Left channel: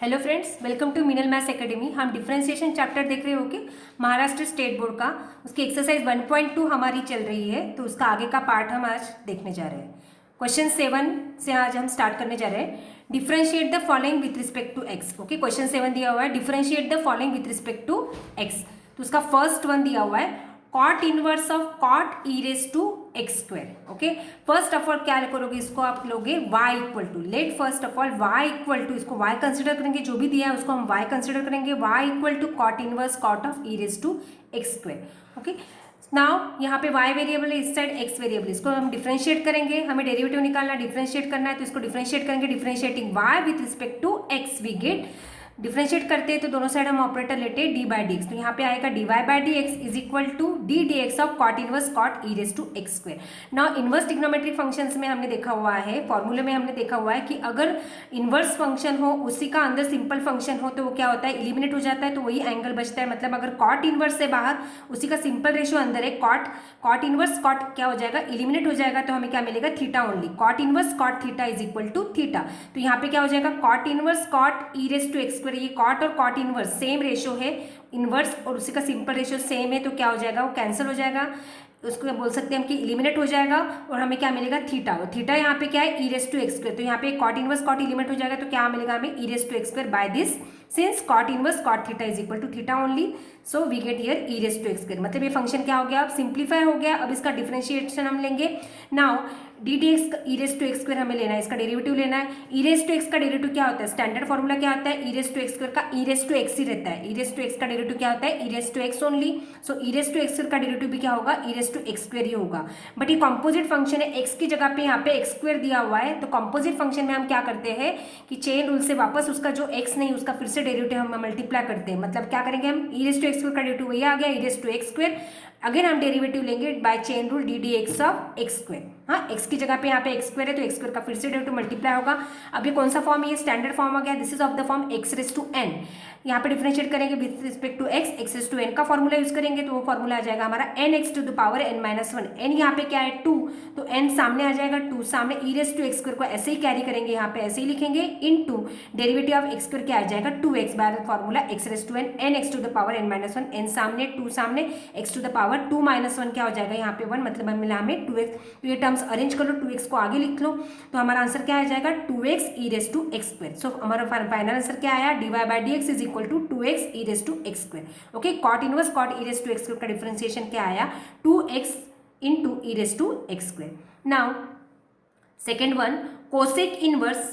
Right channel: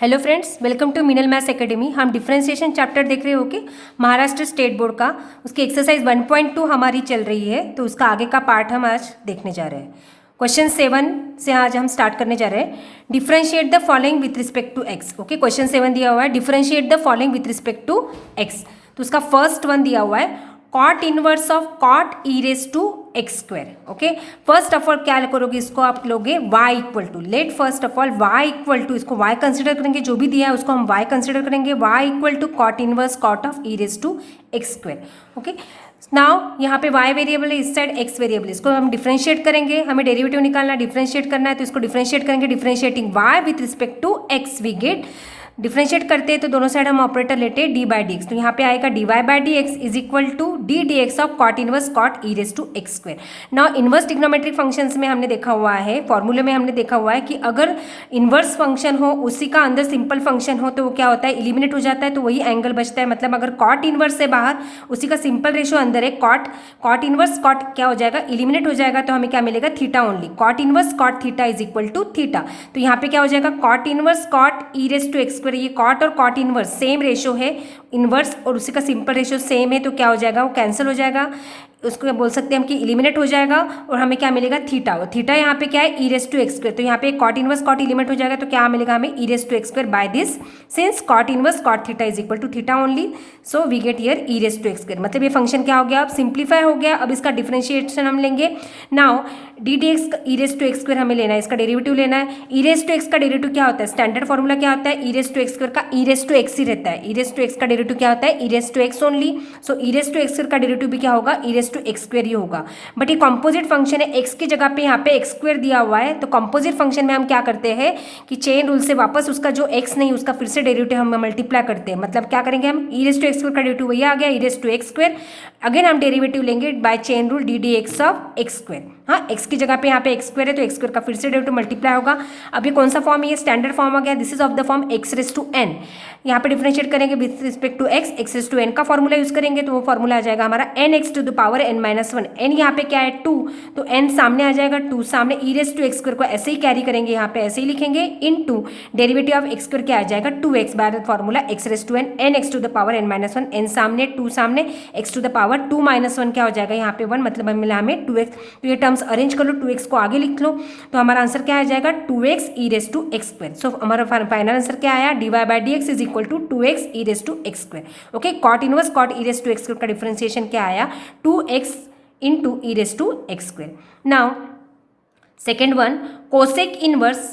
Hello friends, welcome to Minal maths academy. हम differentiation chapter देख रहे हो कि महाराष्ट्र स्टेट बोर्ड का उसकी एक्सरसाइज 1.2 हमारी चल रही है, तो उसका आगे का पार्ट हम आज देखने जा रहे हैं। क्वेश्चन 7 से आज हम स्टार्ट करने जा रहे हैं। Differentiate the following with respect to x. Okay, question 7 दिया हुआ है, differentiate the following with respect to x. तो उसका फर्स्ट वन दिया हुआ है, cot inverse of cot e raise to x square. Okay, first of all क्या करोगे, इसको आप लोगे y equal to, let first of all y equal to, इसको y कंसिडर करेंगे, जो भी दिया है उसको हम y कंसिडर करेंगे, y equal to cot inverse cot of e raise to x square. Okay, now यहाँ पे y वेरिएबल है, इस साइड x वेरिएबल, इसको हम डिफरेंशिएट करेंगे, हमें डेरिवेटिव निकालना, डिफरेंशिएट करना है, तो इसको डिफरेंशिएट करेंगे। Differentiating y with respect to x we get, differentiate करते हैं तो दोनों साइड हम ऑपरेटर लेते हैं डी बाई डी एक्स, तो यहाँ पे आएगा d y by d x is equal to d d x of cot inverse cot e raise to x square. Now inverse trigonometric functions में हमने देखा हुआ है, फॉर्मूले में हमने देखा हुआ है कि अगर इनवर्स फंक्शन हो उसी का अंदर सिंपल फंक्शन हो तो वो क्या होता है, इलिमिनेट हो जाता है, तो वही एंगल बचता है। मतलब अगर कॉट इनवर्स से बाहर उसी का सिंपल रेशियो अंदर है, कॉट इनवर्स कॉट क्या हो जाएगा, इलिमिनेट हो जाएगा, तो हमें क्या मिलेगा, theta only. Cot inverse cot theta is equal to theta, तो यहाँ पे क्या हो जाएगा, cot inverse cot e raise to x square, ये कॉट और कॉट इनवर्स सेम रेशियो है, इनवर्स और उसी का सिंपल रेशियो सेम है, तो क्या हो जाएगा, वो कैंसिल हो जाएगा, उसको बोल सकते हैं हम कि इलिमिनेट हो जाएगा, और हमें क्या मिलेगा, थीटा। और थीटा यहाँ पे क्या है, e raise to x square, तो यहाँ पे कॉट इनवर्स कॉट इलिमिनेट हो जाएगा, तो क्या मिलेगा हमें, e raise to x square by this, since cot inverse cot theta is equal to theta only, so we get here e raise to x square. मतलब ये फंक्शन क्या हो गया, अब सिंप्लीफाई हो गया। अब इसका डिफरेंशिएशन हम लेंगे। Now d d x e raise to x square हमें लेना है, इसका डेरिवेटिव लेना है। ई रेज टू एक्स का डेरिवेटिव क्या होता है, स्टैंडर्ड फॉर्मूला क्या होता है, e raise to x square का ई रेज टू एक्स ही रहता है, ई रेज टू एक्स का डेरिवेटिव क्या होता है, e raise to x only, so e raise to x square का डेरिवेटिव भी क्या होगा, ई रेज टू एक्स स्क्वायर ही होगा। बट ये कंपोजिट फंक्शन है, एक्स की जगह पे यहाँ पे एक्स स्क्वायर दिया हुआ है, तो कंपोजिट फंक्शन में हम क्या करते हैं कि चेन रूल से वापस उसका जो एक्स नहीं उसका फिर से डेरिवेटिव हम मल्टीप्लाई करते हैं। मतलब क्या करेंगे हम, e raise to x square का डेरिवेटिव वही आ गया, e raise to x square, again हम डेरिवेटिव लेंगे by chain rule d d x of x square. हाँ, एक्स की जगह पे यहाँ पे एक्स स्क्वायर है, तो एक्स स्क्वायर का फिर से डेरिवेटिव मल्टीप्लाई होगा। अब ये कौन सा फॉर्म है, ये स्टैंडर्ड फॉर्म आ गया, this is of the form x raise to n. यहाँ पे डिफरेंशिएट करेंगे with respect to x, x raise to n का फॉर्मूला यूज करेंगे, तो वो फॉर्मूला आ जाएगा हमारा n x to the power n minus one. N यहाँ पे क्या है, टू, तो एन सामने आ जाएगा, टू सामने, ई रेज टू एक्स स्क्वायर को ऐसे ही कैरी करेंगे, यहाँ पे ऐसे ही लिखेंगे, into derivative of x square क्या आ जाएगा, two x by formula x raise to n, n x to the power n minus one, n सामने, टू सामने, x to the power two minus one क्या हो जाएगा, यहाँ पे वन, मतलब मिला हमें टू एक्स। तो ये टर्म्स अरेंज कर लो, टू एक्स को आगे लिख लो, तो हमारा आंसर क्या आ जाएगा, two x e raise to x square. So हमारा फाइनल आंसर क्या आया, d y by d x is equal to two x e raise to x square. Okay, cot inverse cot e raise to x square का differentiation क्या आया, two x into e raised to x square. Now second one, cosec inverse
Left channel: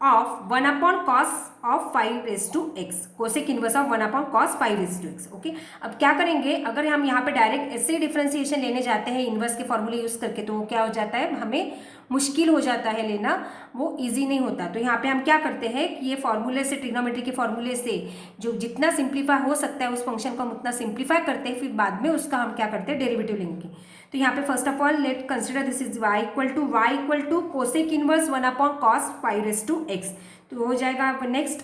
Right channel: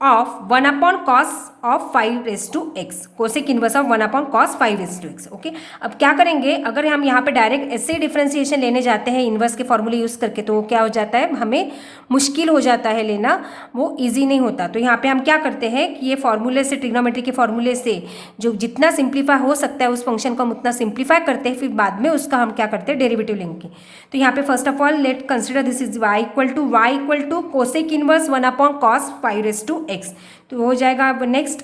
of 1 upon cos of 5 raised to x, cosec inverse of 1 upon cos 5 raised to x. Okay, अब क्या करेंगे, अगर हम यहाँ पे डायरेक्ट ऐसे डिफरेंशिएशन लेने जाते हैं इन्वर्स के फॉर्मूले यूज़ करके, तो क्या हो जाता है, हमें मुश्किल हो जाता है लेना, वो इजी नहीं होता। तो यहाँ पे हम क्या करते हैं कि ये फॉर्मूले से, ट्रिग्नोमेट्री के फॉर्मूले से जो जितना सिंप्लीफाई हो सकता है उस फंक्शन को हम उतना सिंप्लीफाई करते हैं, फिर बाद में उसका हम क्या करते हैं, डेरिवेटिव लेंगे। तो यहाँ पे first of all let consider this is y equal to cosec inverse 1 upon cos 5 raise to x, तो हो जाएगा। अब नेक्स्ट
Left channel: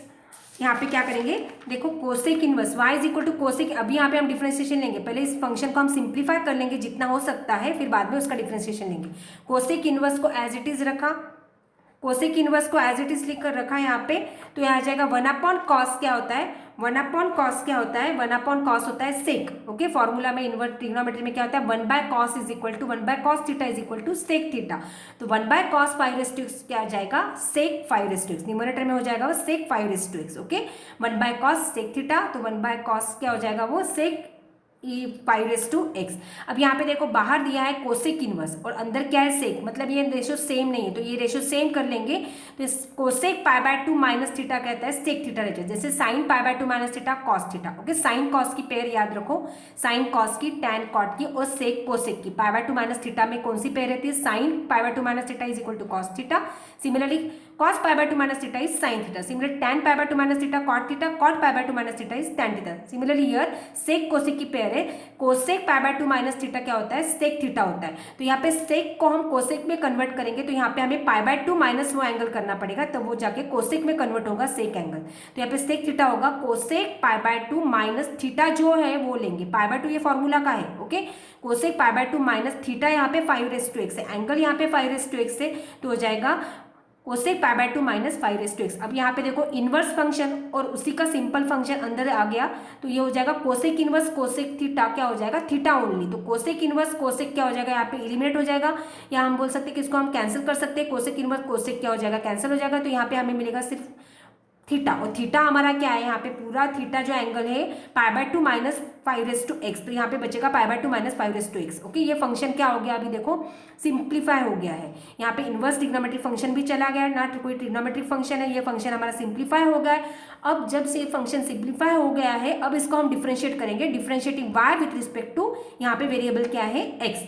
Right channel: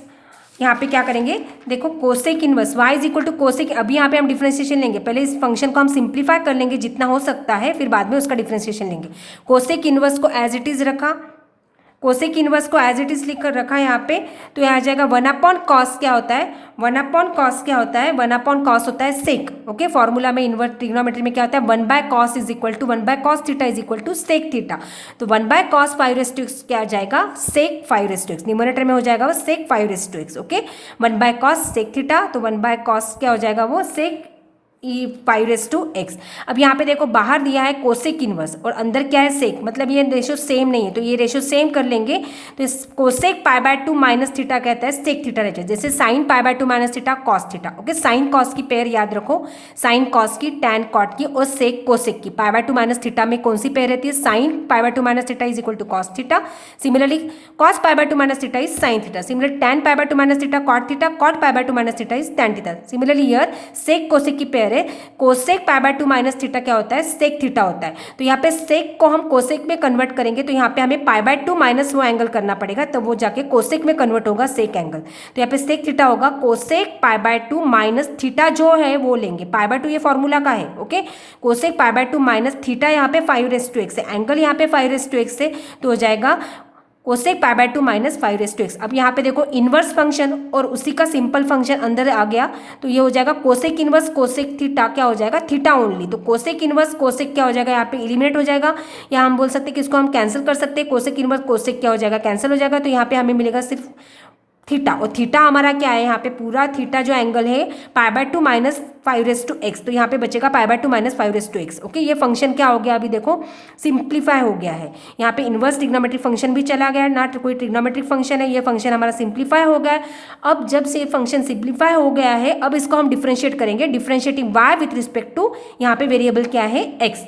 यहाँ पे क्या करेंगे, देखो cosec inverse y is equal to cosec, अभी यहाँ पे हम डिफरेंशिएशन लेंगे, पहले इस फंक्शन को हम सिंप्लीफाई कर लेंगे जितना हो सकता है, फिर बाद में उसका डिफरेंशिएशन लेंगे। कोसेक इनवर्स को एज इट इज रखा, कोसेक इनवर्स को एज इट इज लिख कर रखा यहाँ पे, तो यहाँ आ जाएगा 1 अपॉन कॉस क्या होता है, 1 अपॉन कॉस क्या होता है, 1 अपॉन कॉस होता है सेक। ओके, फॉर्मूला में इनवर्स ट्रिग्नोमेट्री में क्या होता है, 1 by cos is equal to 1 by cos theta is equal to sec theta, तो 1 by cos 5 raise to x क्या आ जाएगा, sec 5 raise to x, numerator में हो जाएगा वो sec 5 raise to x. Okay, 1 by cos sec theta, तो 1 by cos क्या हो जाएगा, वो सेक ई 5 रेज टू एक्स। अब यहाँ पे देखो बाहर दिया है कोसेक इनवर्स और अंदर क्या है सेक, मतलब ये रेशो सेम नहीं है, तो ये रेशो सेम कर लेंगे, तो इस cosec pi by two minus theta कहता है सेक थीटा रहता है, जैसे sine pi by two minus theta cos theta. Okay, sine cos की पेयर याद रखो, साइन कॉस की, टैन कॉट की और सेक कोसेक की। Pi by two minus theta में कौन सी पेयर रहती है, sine pi by two minus theta is equal to cos theta, similarly cos pi by two minus theta is sine theta, similar tan pi by two minus theta cot theta, cot pi by two minus theta is tan theta. Similarly here sec cosec की pair है, cosec pi by two minus theta क्या होता है, sec theta होता है, तो यहाँ पे सेक को हम कोसेक में कन्वर्ट करेंगे, तो यहाँ पे हमें पाई बाय टू माइनस वो एंगल करना पड़ेगा, तब वो जाके कोसेक में कन्वर्ट होगा सेक एंगल। तो यहाँ पे सेक थीटा होगा, cosec pi by two minus theta जो है वो लेंगे, पाई बाय टू ये फॉर्मूला का है। Okay, cosec pi by two minus theta यहाँ पे 5 रेज टू एक्स है, एंगल यहाँ पे 5 रेज टू एक्स है, तो हो जाएगा कोसेक पाई बाय 2 माइनस 5 अब यहाँ पे देखो इनवर्स फंक्शन और उसी का सिंपल फंक्शन अंदर आ गया, तो ये हो जाएगा कोसेक इनवर्स कोसेक थीटा क्या हो जाएगा, थीटा ओनली। तो कोसेक इनवर्स कोसेक क्या हो जाएगा, यहाँ पे एलिमिनेट हो जाएगा, या हम बोल सकते हैं कि इसको हम कैंसिल कर सकते हैं, कोसेक इनवर्स कोसेक क्या हो जाएगा, कैंसिल हो जाएगा। तो यहाँ पे हमें मिलेगा सिर्फ थीटा, और थीटा हमारा क्या है, यहाँ पे पूरा थीटा जो एंगल है पाई बाय 2 माइनस 5 तो यहाँ पे बचेगा पाई बाय 2 माइनस 5 ओके। ये फंक्शन क्या हो गया, अभी देखो सिंप्लीफाई हो गया है। यहाँ पे इनवर्स ट्रिग्नोमेट्रिक फंक्शन भी चला गया, ना कोई ट्रिग्नोमेट्रिक फंक्शन है, ये फंक्शन हमारा सिंप्लीफाई हो गया है। अब जब से ये फंक्शन सिंप्लीफाई हो गया है, अब इसको हम डिफ्रेंशिएट करेंगे, differentiating y with respect to यहाँ पे वेरिएबल क्या है, एक्स।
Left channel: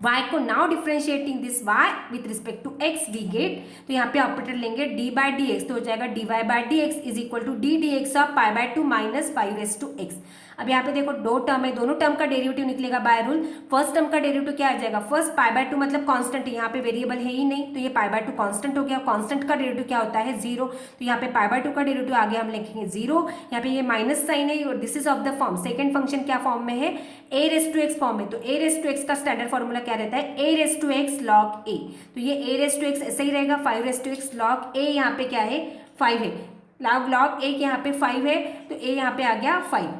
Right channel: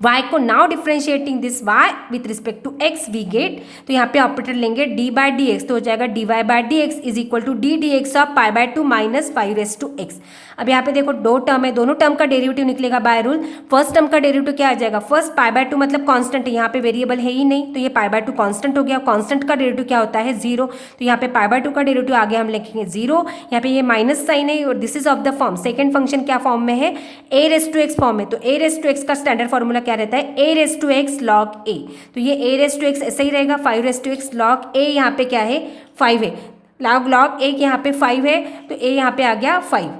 y को now differentiating this y with respect to x we get, तो यहाँ पे ऑपरेटर लेंगे d बाय डी एक्स, तो हो जाएगा dy by d x is equal to d d x of pi by 2 minus 5 अब यहाँ पे देखो दो टर्म है, दोनों टर्म का डेरिवेटिव निकलेगा बाय रूल। फर्स्ट टर्म का डेरिवेटिव क्या आ जाएगा, फर्स्ट पाई बाय 2 मतलब कांस्टेंट है, यहाँ पे वेरिएबल है ही नहीं, तो ये पाई बाय 2 कांस्टेंट हो गया। कांस्टेंट का डेरिवेटिव क्या होता है, 0, तो यहाँ पे पाई बाय 2 का डेरिवेटिव आगे हम लिखेंगे 0। यहाँ पे ये माइनस साइन है और this is of the form, second function क्या फॉर्म में है, a raise to x form में। तो a रेस टू एक्स का स्टैंडर्ड फॉर्मूला क्या रहता है, a raise to x log a, तो ये a रेस टू एक्स ऐसे ही रहेगा, 5 raise to x log a यहाँ पे क्या है 5 है, लॉग a यहाँ पे 5 है, तो a यहाँ पे आ गया 5,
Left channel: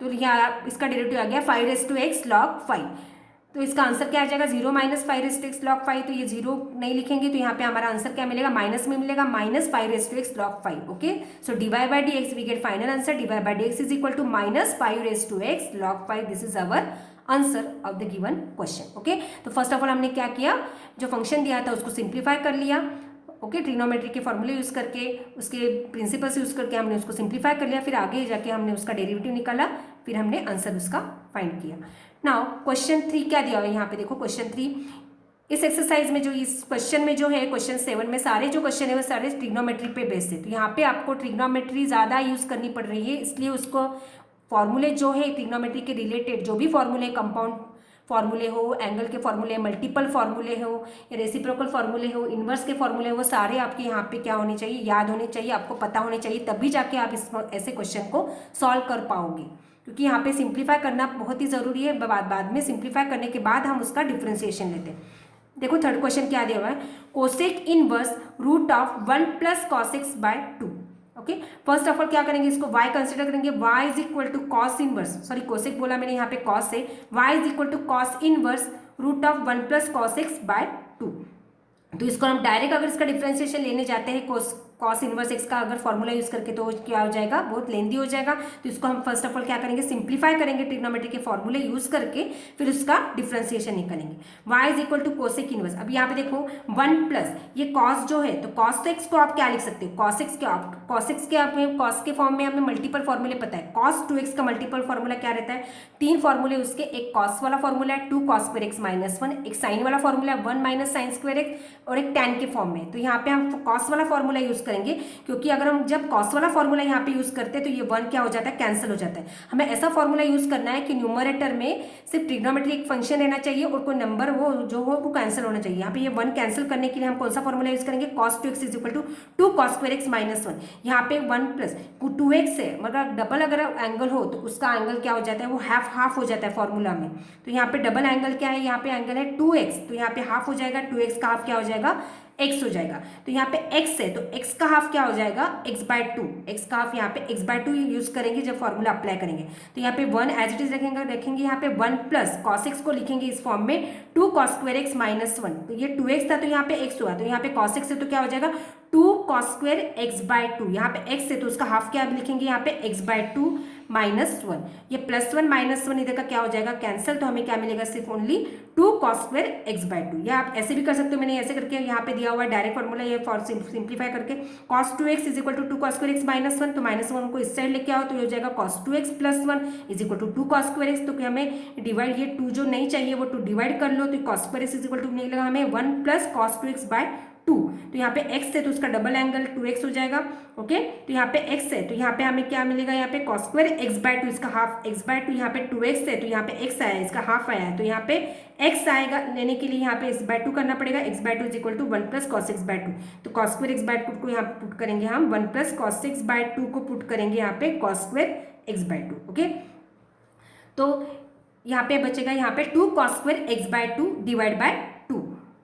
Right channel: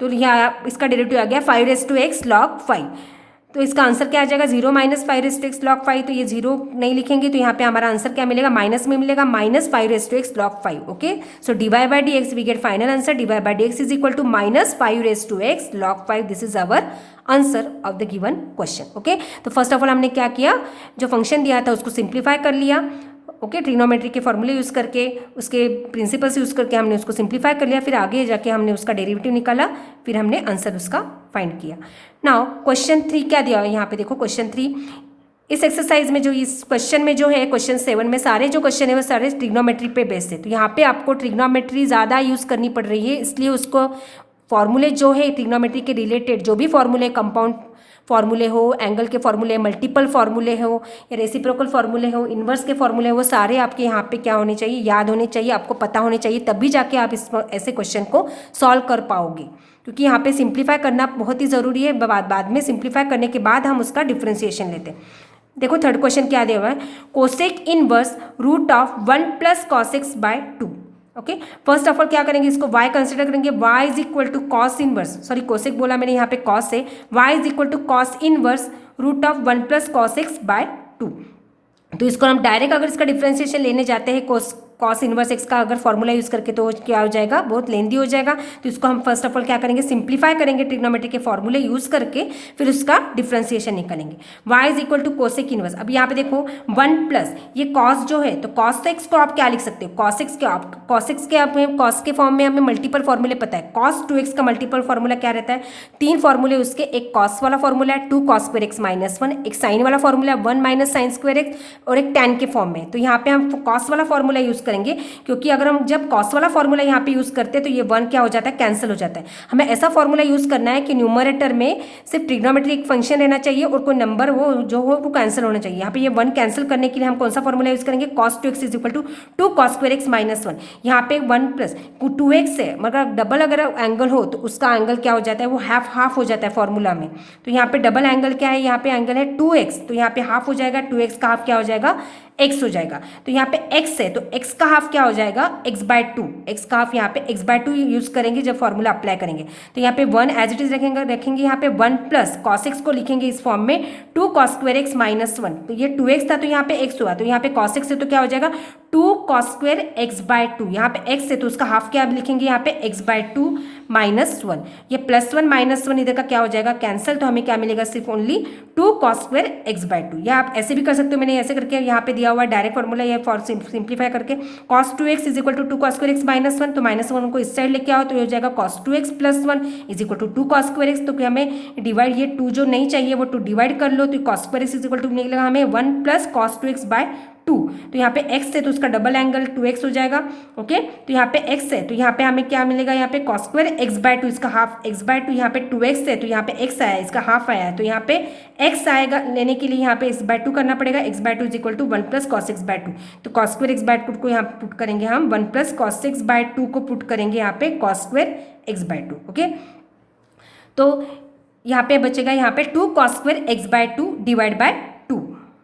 तो यहाँ इसका डेरिवेटिव आ गया 5 रेस टू एक्स लॉग 5। तो इसका आंसर क्या आ जाएगा, 0 minus 5 raise to x log 5, तो ये 0 नहीं लिखेंगे, तो यहाँ पे हमारा आंसर क्या मिलेगा, माइनस में मिलेगा, minus 5 raise to x log 5। Okay, so d y by d x we get final answer, d y by d x is equal to minus 5 raise to x log 5। This is our answer of the given question. Okay, तो first of all हमने क्या किया, जो function दिया था उसको simplify कर लिया। ओके, ट्रिग्नोमेट्री के फॉर्मूले यूज़ करके, उसके प्रिंसिपल्स यूज़ करके हमने उसको सिंप्लीफाई कर लिया, फिर आगे जाके हमने उसका डेरिवेटिव निकाला, फिर हमने आंसर उसका फाइंड किया। नाउ क्वेश्चन 3 क्या दिया है यहाँ पे देखो, क्वेश्चन 3 इस एक्सरसाइज में जो इस क्वेश्चन में जो है, क्वेश्चन 7 में सारे जो क्वेश्चन है वो सारे ट्रिग्नोमेट्री पे बेस्ड है। तो यहाँ पे आपको ट्रिग्नोमेट्री ज़्यादा यूज़ करनी पड़ रही है, इसलिए उसको फॉर्मूले जो है ट्रिग्नोमेट्री के रिलेटेड जो भी फॉर्मूले, कंपाउंड फॉर्मूले हो, एंगल के फॉर्मूले, मल्टीपल फॉर्मूले हो या रेसिप्रोकल फॉर्मूले हो, इन्वर्स के फॉर्मूले हो, वो सारे आपके यहाँ पे क्या होने चाहिए, याद होने चाहिए, आपको पता होने चाहिए, तभी जाके आप इस ऐसे क्वेश्चन को सॉल्व कर पाओगे। क्योंकि यहाँ पे सिंप्लीफाई करना बहुत ही ज़रूरी है, बाद में सिंप्लीफाई करने के बाद हम उसका डिफ्रेंसिएशन लेते हैं। देखो थर्ड क्वेश्चन क्या दिया हुआ है, cosec inverse root of 1 plus cos x by 2। Okay, first of all क्या करेंगे, इसको y कंसिडर करेंगे, y is equal to cos inverse, sorry cosec बोला मैंने, यहाँ पे कॉस है, y is equal to cos inverse root of 1 plus cos x by 2। तो इसको हम डायरेक्ट अगर इसका डिफरेंशिएशन लेने जाते हैं कॉस इनवर्स एक्स का अगर फॉर्मूला यूज़ करके, तो क्या हो जाएगा, बहुत लेंदी हो जाएगा। तो इसको हम फर्स्ट ऑफ ऑल क्या करेंगे, सिंप्लीफाई करेंगे ट्रिग्नोमेट्री के फॉर्मूले यूज़ करके, फिर उसका डिफरेंशिएशन निकालेंगे। y is equal to cosec inverse, अब यहाँ पे देखो 1 प्लस ये कॉस जो है, तो कॉस एक्स को आप क्या लिख सकते हो, कॉस एक्स के फॉर्म में हमें मल्टीपल फॉर्मूले पता है। कॉस 2x का मल्टीपल फॉर्मूला क्या रहता है, 3 फॉर्मूले उसके, एक कॉस वाला फॉर्मूला है 2 कॉस स्क्वायर एक्स माइनस 1, एक साइन वाला फॉर्मूला है 1 माइनस साइन स्क्वायर एक्स, और एक टैन के फॉर्म में। तो यहाँ पे हम कॉस वाला फॉर्मूला यूज़ करेंगे, क्योंकि अगर हम जब कॉस वाला फॉर्मूला यहाँ पे यूज़ करते हैं तो ये 1 क्या हो जाता है, कैंसिल हो जाता है। हमें ऐसा फॉर्मूला यूज़ करना है कि न्यूमरेटर में सिर्फ ट्रिग्नोमेट्री एक फंक्शन रहना चाहिए और कोई नंबर वो जो हो वो कैंसिल होना चाहिए। यहाँ पे ये 1 कैंसिल करने के लिए हम कौन सा फॉर्मूला यूज़ करेंगे, cos 2x is equal to 2 cos square x minus 1। यहाँ पे 1 प्लस 2x है, मगर डबल अगर एंगल हो तो उसका एंगल क्या हो जाता है, वो हाफ हो जाता है फॉर्मूला में। तो यहाँ पे डबल एंगल क्या है, यहाँ पे एंगल है 2x, तो यहाँ पे हाफ हो जाएगा, 2x का हाफ क्या हो जाएगा, x हो जाएगा। तो यहाँ पे x है, तो x का हाफ क्या हो जाएगा, x बाय 2, x का हाफ यहाँ पे x बाय 2 यूज़ करेंगे जब फॉर्मूला अप्लाई करेंगे। तो यहाँ पे 1 एज इट इज रखेंगे यहाँ पे 1 प्लस कॉस एक्स को लिखेंगे इस फॉर्म में 2 कॉस स्क्वायर एक्स माइनस 1। तो ये 2x था, तो यहाँ पे x हुआ, तो यहाँ पे कॉस एक्स है तो क्या हो जाएगा 2 कॉस स्क्वायर एक्स बाय 2। यहाँ पे x है तो उसका हाफ क्या लिखेंगे यहाँ पे x बाय 2 माइनस 1। ये प्लस 1 माइनस 1 इधर का क्या हो जाएगा, कैंसिल, तो हमें क्या मिलेगा, सिर्फ only 2 cos square x by 2। या आप ऐसे भी कर सकते हो, मैंने ऐसे करके यहाँ पे दिया हुआ डायरेक्ट फॉर्मूला, ये फॉर सिंप्लीफाई करके cos 2x is equal to 2 cos square x minus 1, तो माइनस 1 को इस साइड लेके आओ, तो ये हो जाएगा cos 2x plus 1 is equal to 2 cos square x. तो हमें डिवाइड, ये 2 जो नहीं चाहिए वो 2 डिवाइड कर लो, तो cos square x is equal to निकलेगा हमें 1 प्लस कॉस 2x बाय 2। तो यहाँ पे x है तो उसका डबल एंगल 2x हो जाएगा। ओके, तो यहाँ पे x है तो यहाँ पे हमें क्या मिलेगा, यहाँ पे कॉस स्क्वायर एक्स बाय 2, इसका हाफ x बाय 2, यहाँ पे 2x है तो यहाँ पे x आया, इसका हाफ आया, तो यहाँ पे x आएगा, लेने के लिए यहाँ पे x बाय 2 करना पड़ेगा। x by 2 is equal to 1 plus cos x by 2, तो कॉस स्क्वायर एक्स बाय 2 को यहाँ पुट करेंगे हम, 1 प्लस कॉस एक्स बाय 2 को पुट करेंगे यहाँ पे cos square x by 2। Okay, तो यहाँ पे बचेगा यहाँ पे 2 cos square x by 2 divide by 2।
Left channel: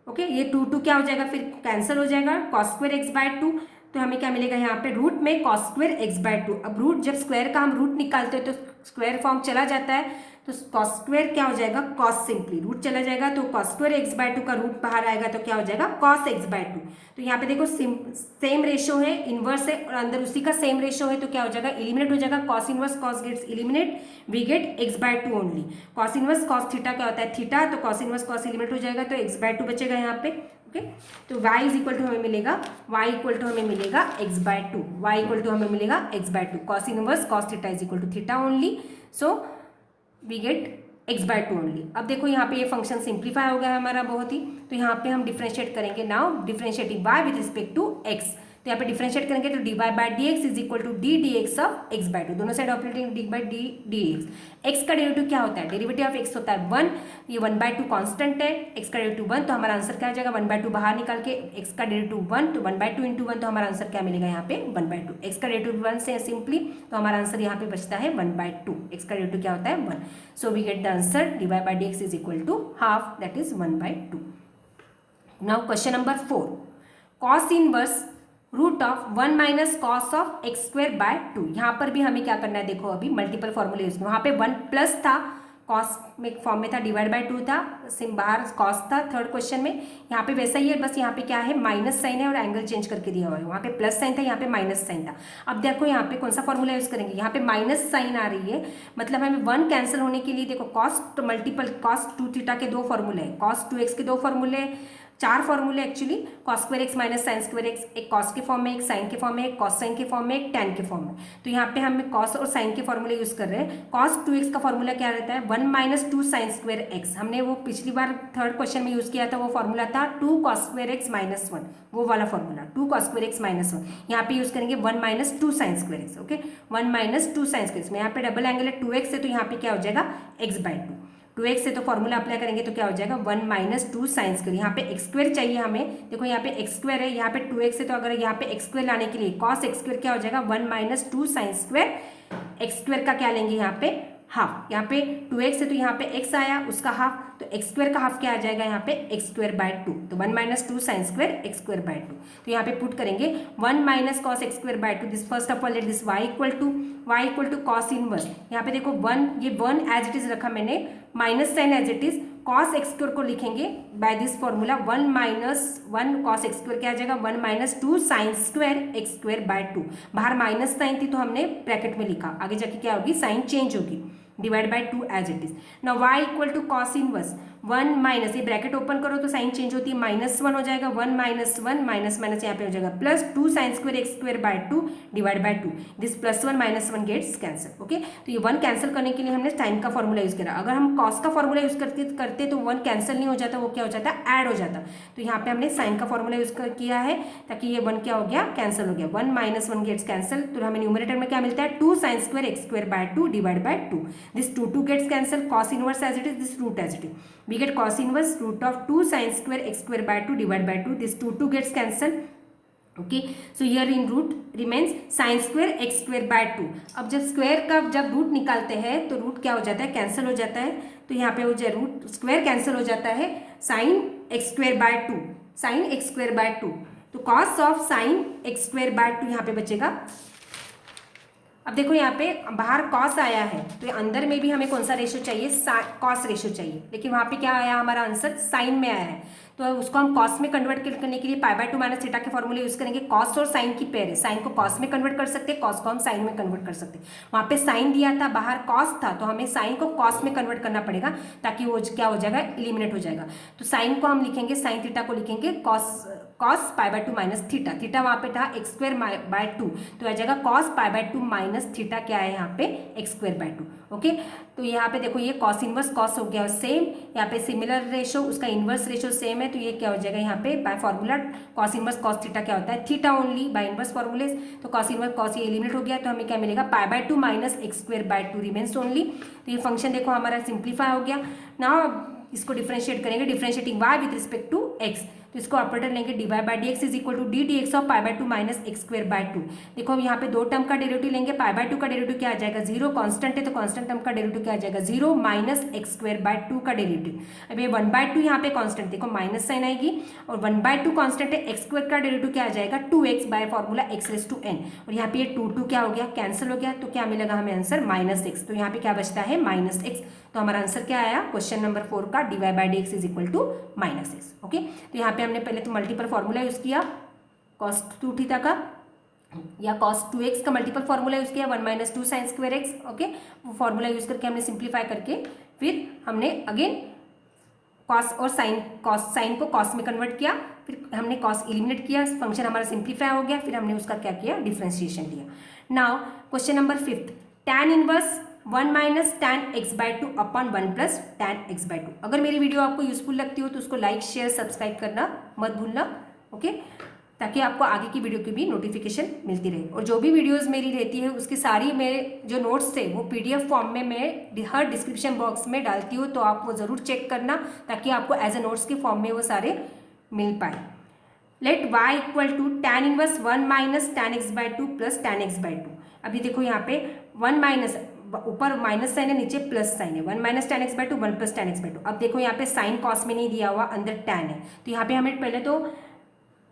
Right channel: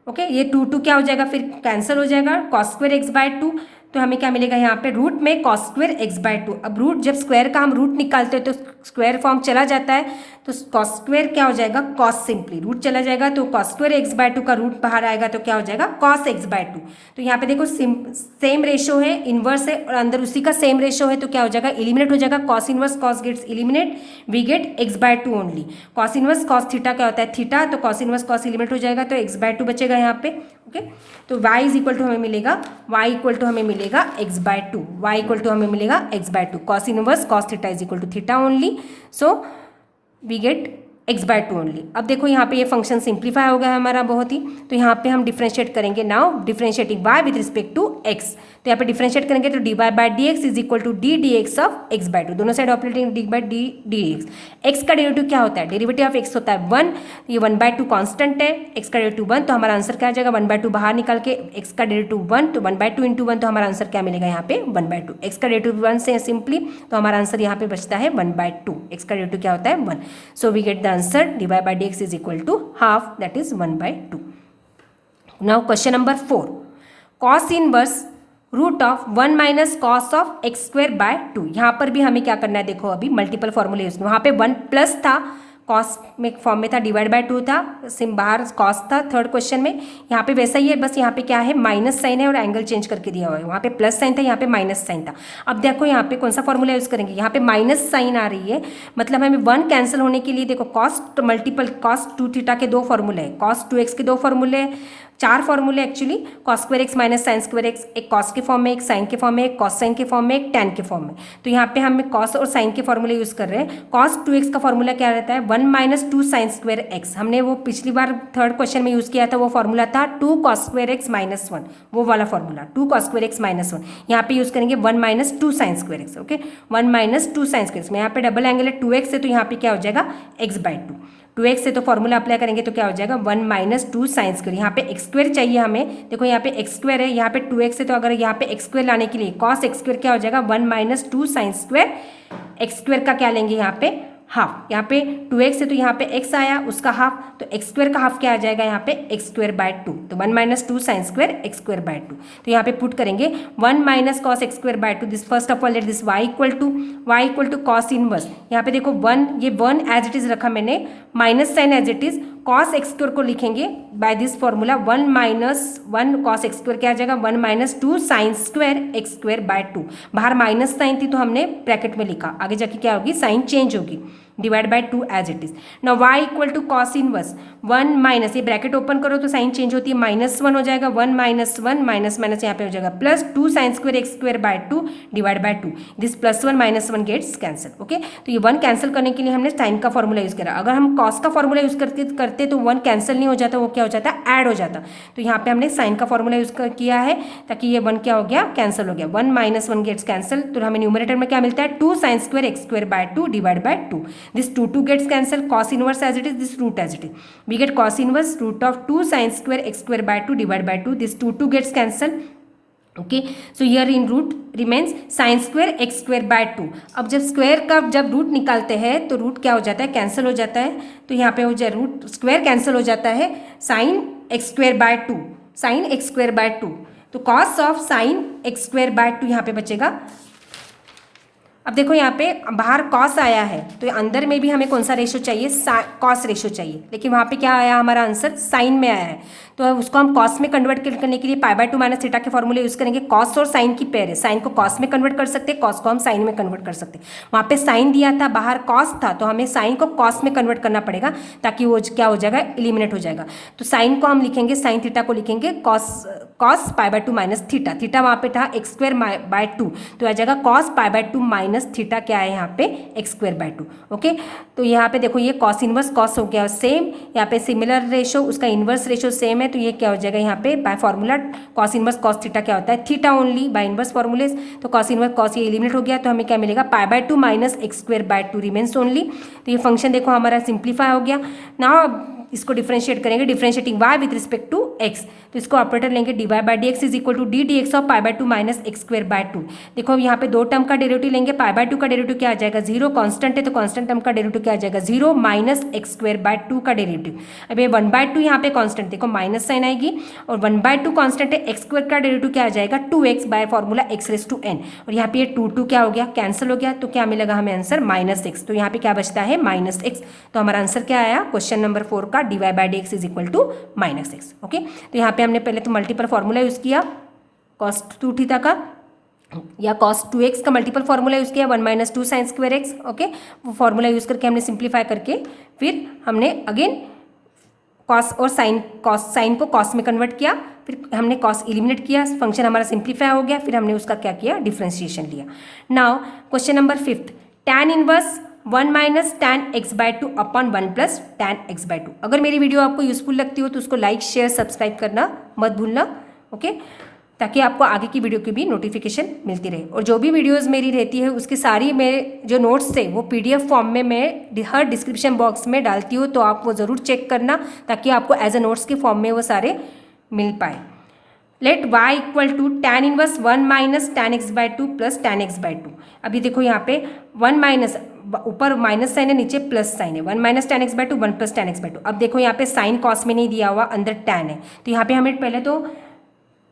Okay, ये 2 क्या हो जाएगा, फिर कैंसिल हो जाएगा, कॉस स्क्वायर एक्स बाय 2, तो हमें क्या मिलेगा यहाँ पे रूट में कॉस स्क्वायर एक्स बाय 2। अब रूट जब स्क्वायर का हम रूट निकालते हैं तो स्क्वायर फॉर्म चला जाता है, तो कॉस स्क्वायर क्या हो जाएगा, कॉस, सिंपली रूट चला जाएगा तो कॉस स्क्वायर एक्स बाय 2 का रूट बाहर आएगा तो क्या हो जाएगा, कॉस एक्स बाय 2। तो यहाँ पे देखो सेम रेशो है, इनवर्स है और अंदर उसी का सेम रेशो है, तो क्या हो जाएगा, एलिमिनेट हो जाएगा, cos inverse cos gets eliminate, we get x by 2 only. Cos inverse cos theta क्या होता है, थीटा, तो कॉस इनवर्स कॉस एलिमिनेट हो जाएगा तो एक्स बाय 2 बचेगा यहाँ पे। ओके, तो y इज इक्वल टू हमें मिलेगा, y इक्वल टू हमें मिलेगा x by 2, y equal to हमें मिलेगा x by 2, cos inverse cos theta is equal to theta only, so we get x by 2 only. अब देखो यहाँ पे ये फंक्शन सिंप्लीफाई हो गया हमारा बहुत ही, तो यहाँ पे हम डिफ्रेंशिएट करेंगे, now differentiating y with respect to x, तो यहाँ पे डिफ्रेंशिएट करेंगे तो dy by dx is equal to d dx of x by 2, दोनों side operating d by d dx। x का डेरिवेटिव क्या होता है, डेरिवेटिव ऑफ x होता है 1, ये 1/2 कांस्टेंट है, x का डेरिवेटिव 1, तो हमारा आंसर क्या आ जाएगा, 1/2 बाहर निकाल के x का डेरिवेटिव 1, तो 1/2 इंटू 1, तो हमारा आंसर क्या मिलेगा यहाँ पे 1/2, x का डेरिवेटिव 1 से सिंपली, तो हमारा आंसर यहाँ पे बचता है 1/2, x का डेरिवेटिव क्या होता है 1, so we get the answer dy by dx is equal to half, that is 1/2। Now question number 4, cos inverse root of 1 minus cos of x square by 2, यहाँ पर भी हमें क्या करना है, देखो अभी मल्टीपल फॉर्मूले यूज, वहाँ पे 1 प्लस था, कॉस में फॉर्म में था, डिवाइड बाय 2 था, सिम बाहर कॉस था थर्ड क्वेश्चन में, यहाँ पे वैसा ही है, बस यहाँ पे क्या है माइनस साइन है और एंगल चेंज करके दिया हुआ है, वहाँ पे प्लस साइन था, यहाँ पे माइनस साइन था। अब देखो यहाँ पे कौन सा फॉर्मूला यूज़ करेंगे, यहाँ पे माइनस साइन आ रही है, मतलब हमें 1 कैंसिल होने के लिए देखो कॉस मल्टीपल कॉस 2 थीटा के 2 फॉर्मूले हैं, कॉस 2x के 2 फॉर्मूले, 4 फॉर्मूले actually, cos square x minus sine square x, एक कॉस के फॉर्म में, एक साइन के फॉर्म में, एक कॉस साइन के फॉर्म में, एक टैन के फॉर्म में, तो यहाँ पे हम कॉस और साइन के फॉर्मूले यूज़ कर रहे हैं। कॉस 2x का फॉर्मूला क्या रहता है, 1 माइनस 2 साइन स्क्वायर एक्स, हमने वो पिछली बार थर्ड क्वेश्चन में यूज़ किया था, वो फॉर्मूला था 2 कॉस स्क्वायर एक्स माइनस 1, वो वाला formula 2 cos square x minus 1, यहाँ पे यूज़ करेंगे 1 minus 2 sine square x, okay 1 minus 2 sine square x में, यहाँ पे डबल एंगल है 2x है, तो यहाँ पे क्या हो जाएगा x बाय 2, 2x से तो फॉर्मूला अप्लाई करेंगे तो क्या हो जाएगा 1 माइनस 2 साइन स्क्वायर, यहाँ पे एक्स स्क्वायर चाहिए हमें, देखो यहाँ पे एक्स स्क्वायर है, यहाँ पे 2x है, तो अगर यहाँ पे एक्स स्क्वायर लाने के लिए कॉस एक्स स्क्वायर क्या हो जाएगा 1 minus 2 sine square, x square का क्या लेंगे यहाँ पे हाफ, यहाँ पे 2x है तो यहाँ पे x आया उसका हाफ, तो एक्स स्क्वायर का हाफ क्या आ जाएगा यहाँ पे एक्स स्क्वायर बाय 2, तो 1 minus 2 sine square x square by 2, तो यहाँ पे पुट करेंगे 1 minus cos x square by 2, this first of all let this y equal to cos inverse, यहाँ पे देखो 1, ये 1 एज इट इज रखा मैंने, minus sine as it is, cos x square को लिखेंगे by this formula 1 minus 1 cos x square क्या आ जाएगा 1 minus 2 sine square x square by 2, बाहर माइनस साइन थी तो हमने ब्रैकेट में लिखा, आगे जाके क्या होगी साइन चेंज होगी, divide by 2 as it is. Now y equal to cos inverse 1 minus, ये ब्रैकेट ओपन करो तो साइन चेंज होती है, -1 हो जाएगा, 1 माइनस 1 माइनस माइनस यहाँ पे हो जाएगा plus 2 sine square x square by 2 divide by 2, this +1 -1 gets cancel, okay. तो ये 1 कैंसिल करने के लिए हमने साइन का फॉर्मूला यूज़ करा, अगर हम कॉस का फॉर्मूला यूज़ करते तो 1 कैंसिल नहीं हो जाता, वो क्या हो जाता ऐड हो जाता, तो यहाँ पे हमने साइन का फॉर्मूला यूज़ किया है ताकि ये 1 क्या हो गया कैंसिल हो गया, 1 माइनस 1 गेट्स कैंसिल, तो हमें न्यूमरेटर में क्या मिलता है 2 sine square x square by 2 divide by 2, this 2 gets cancel, cos inverse as it is, this root as it is, we get cos inverse root of 2 sin square x square by 2 divided by 2, this 2 gets cancelled, okay, so here in root remains sin square x square by 2। अब जब square का जब root निकालते हैं तो root क्या हो जाता है कैंसिल हो जाता है, तो यहाँ पे हो जाए रूट स्क्वायर कैंसिल हो जाता है, sin x square by 2, sin x square by 2, तो cos of sin x square by 2 यहाँ पे बचेगा। अब देखो यहाँ पे बाहर कॉस आया है तो अंदर में भी हमें कौन सा रेशो चाहिए, कॉस रेशो चाहिए, लेकिन वहाँ पे क्या आया हमारा आंसर साइन में आया है, तो उसको हम कॉस में कन्वर्ट करने के लिए π/2 माइनस थीटा के फॉर्मूले यूज़ करेंगे, कॉस और साइन की पेयर है, साइन को कॉस में कन्वर्ट कर सकते हैं, कॉस को हम साइन में कन्वर्ट कर सकते हैं, वहाँ पे साइन दिया था बाहर कॉस था तो हमें साइन को कॉस में कन्वर्ट करना पड़ेगा ताकि वो क्या हो जाएगा एलिमिनेट हो जाएगा, तो साइन को हम लिखेंगे साइन थीटा को लिखेंगे कॉस π/2 माइनस थीटा, थीटा वहाँ पे था एक्स स्क्वायर बाय 2, तो आ जाएगा कॉस π/2 माइनस थीटा क्या है यहाँ पे एक्स स्क्वायर बाय 2, ओके। तो यहाँ पे देखो ये कॉस इनवर्स कॉस हो गया सेम, यहाँ पे सिमिलर रेशो उसका इनवर्स रेशो सेम है, तो ये क्या हो जाएगा यहाँ पे by formula cos inverse cos theta क्या होता है थीटा ओनली बाय इनवर्स फॉर्मूले, तो कॉस इनवर्स कॉस ये एलिमिनेट हो गया, तो हमें क्या मिलेगा π/2 minus x square by 2 remains only, तो ये फंक्शन देखो हमारा सिंप्लीफाई हो गया। नाउ इसको डिफरेंशिएट करेंगे, differentiating y with respect to x, तो इसको ऑपरेटर लेंगे dy by d x is equal to d d x of pi by two minus x square by two. देखो यहाँ पे दो टर्म का डेरिवेटिव लेंगे, पाई बाय टू का डेरिवेटिव क्या आ जाएगा 0, कांस्टेंट है तो कांस्टेंट टर्म का डेरिवेटिव क्या आ जाएगा 0 minus x square by two का डेरिवेटिव। अब ये 1/2 यहाँ पे कांस्टेंट, देखो माइनस साइन आएगी, और 1/2 कांस्टेंट है, एक्स स्क्वायर का डेरिवेटिव क्या आ जाएगा 2x by formula x raise to n, और यहाँ पे ये 2 क्या हो गया, कैंसिल हो गया, तो क्या मिलेगा हमें आंसर -x। तो यहाँ पे क्या बचता है -x, तो हमारा आंसर क्या आया क्वेश्चन नंबर 4 का dy by d x is equal to -x। Okay, तो यहाँ पे हमने पहले तो मल्टीपल फॉर्मूला यूज़ किया cos 2 थीटा का, या cos 2x का मल्टीपल फॉर्मूला यूज़ किया 1 minus 2 sine square x। Okay, वो फॉर्मूला यूज़ करके हमने सिंप्लीफाई करके फिर हमने अगेन कॉस और साइन, साइन को कॉस में कन्वर्ट किया, फिर हमने कॉस एलिमिनेट किया, फंक्शन हमारा सिंप्लीफाई हो गया, फिर हमने उसका क्या किया डिफरेंशिएशन लिया। Now question number 5, tan inverse 1 minus tan x by two upon 1 plus tan x by to. अगर मेरी वीडियो आपको यूजफुल लगती हो तो उसको लाइक शेयर सब्सक्राइब करना मत भूलना। ओके, ताकि आपको आगे की वीडियो की भी नोटिफिकेशन मिलती रहे, और जो भी वीडियोस मेरी रहती है उसकी सारी मेरे जो नोट्स थे वो पीडीएफ फॉर्म में मैं हर डिस्क्रिप्शन बॉक्स में डालती हूँ, तो आप वो ज़रूर चेक करना ताकि आपको एज ए नोट्स के फॉर्म में वो सारे मिल पाए। Let y equal to tan inverse 1 minus tan x by two plus tan x by two. अभी देखो यहाँ पे 1 माइनस, ऊपर माइनस साइन है, नीचे प्लस साइन है, 1 minus tan x by two 1 plus tan x by two. अब देखो यहाँ पे साइन कॉस में नहीं दिया हुआ, अंदर tan है, तो यहाँ पे हमें पहले तो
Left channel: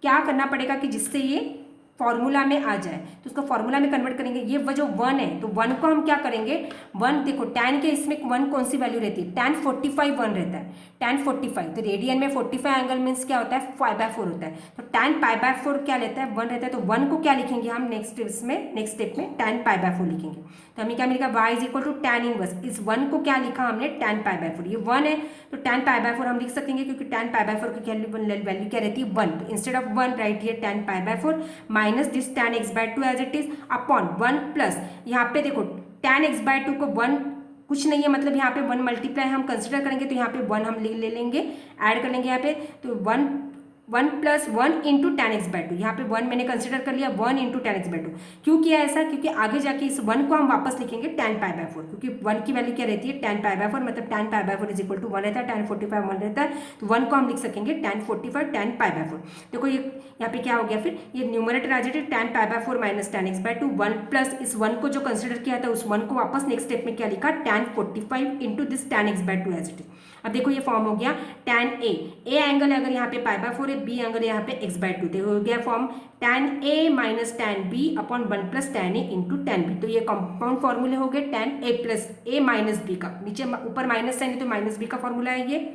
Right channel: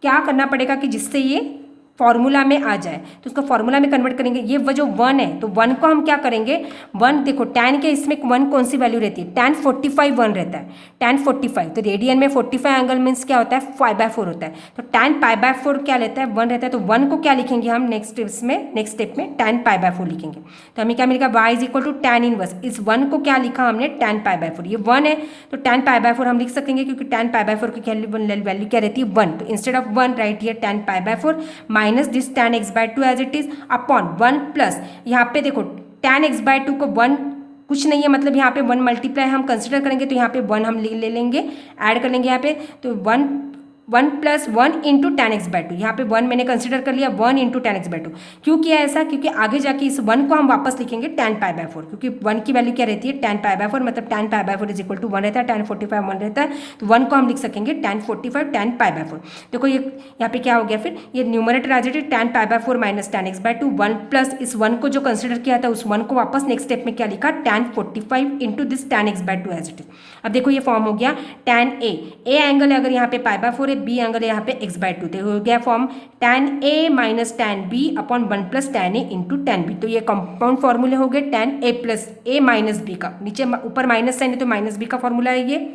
क्या करना पड़ेगा कि जिससे ये फॉर्मूला में आ जाए, तो उसको फॉर्मूला में कन्वर्ट करेंगे। ये वो जो 1 है तो 1 को हम क्या करेंगे, 1 देखो tan के इसमें 1 कौन सी वैल्यू रहती है, tan 45 1 रहता है, tan 45, तो रेडियन में 45 एंगल मीन्स क्या होता है π/4 होता है, तो tan π/4 क्या लेता है 1 रहता है, तो 1 को क्या लिखेंगे हम नेक्स्ट स्टेप में tan π/4 लिखेंगे, तो हमें क्या मिलेगा y is equal to tan inverse, इस 1 को क्या लिखा हमने tan π/4, ये 1 है तो tan π/4 हम लिख सकेंगे क्योंकि tan π/4 की वैल्यू क्या रहती है 1, तो instead of 1 right here tan π/4 minus this tan x by two as it is upon 1 plus, यहाँ पे देखो tan x बाय टू को 1 कुछ नहीं है, मतलब यहाँ पे 1 मल्टीप्लाई हम कंसिडर करेंगे, तो यहाँ पे 1 हम ले लेंगे, ऐड कर लेंगे यहाँ पे, तो 1 plus 1 into tan x by to, यहाँ पे 1 मैंने कंसिडर कर लिया 1 into tan x by to. क्यों किया ऐसा, क्योंकि आगे जाके इस 1 को हम वापस लिखेंगे tan π/4, क्योंकि 1 की वैल्यू क्या रहती है tan π/4, मतलब tan π/4 इज इक्वल टू 1 रहता है, tan 45 1 रहता है, तो 1 को हम लिख सकेंगे tan 45 tan π/4। देखो ये यहाँ पे क्या हो गया, फिर ये न्यूमरेटर आ जाए tan π/4 minus tan x by two 1 plus इस 1 को जो कंसिडर किया था उस 1 को वापस नेक्स्ट स्टेप में क्या लिखा tan 45 into this tan x by two as it is. अब देखो ये फॉर्म हो गया tan a एंगल है अगर यहाँ पे π/4 है, b एंगल है यहाँ पे x बाय टू, तो हो गया form tan a minus tan b upon 1 plus tan a into tan b, तो ये कंपाउंड फॉर्मूले हो गए tan a plus a minus b का, नीचे ऊपर माइनस साइन है तो माइनस b का फॉर्मूला है ये।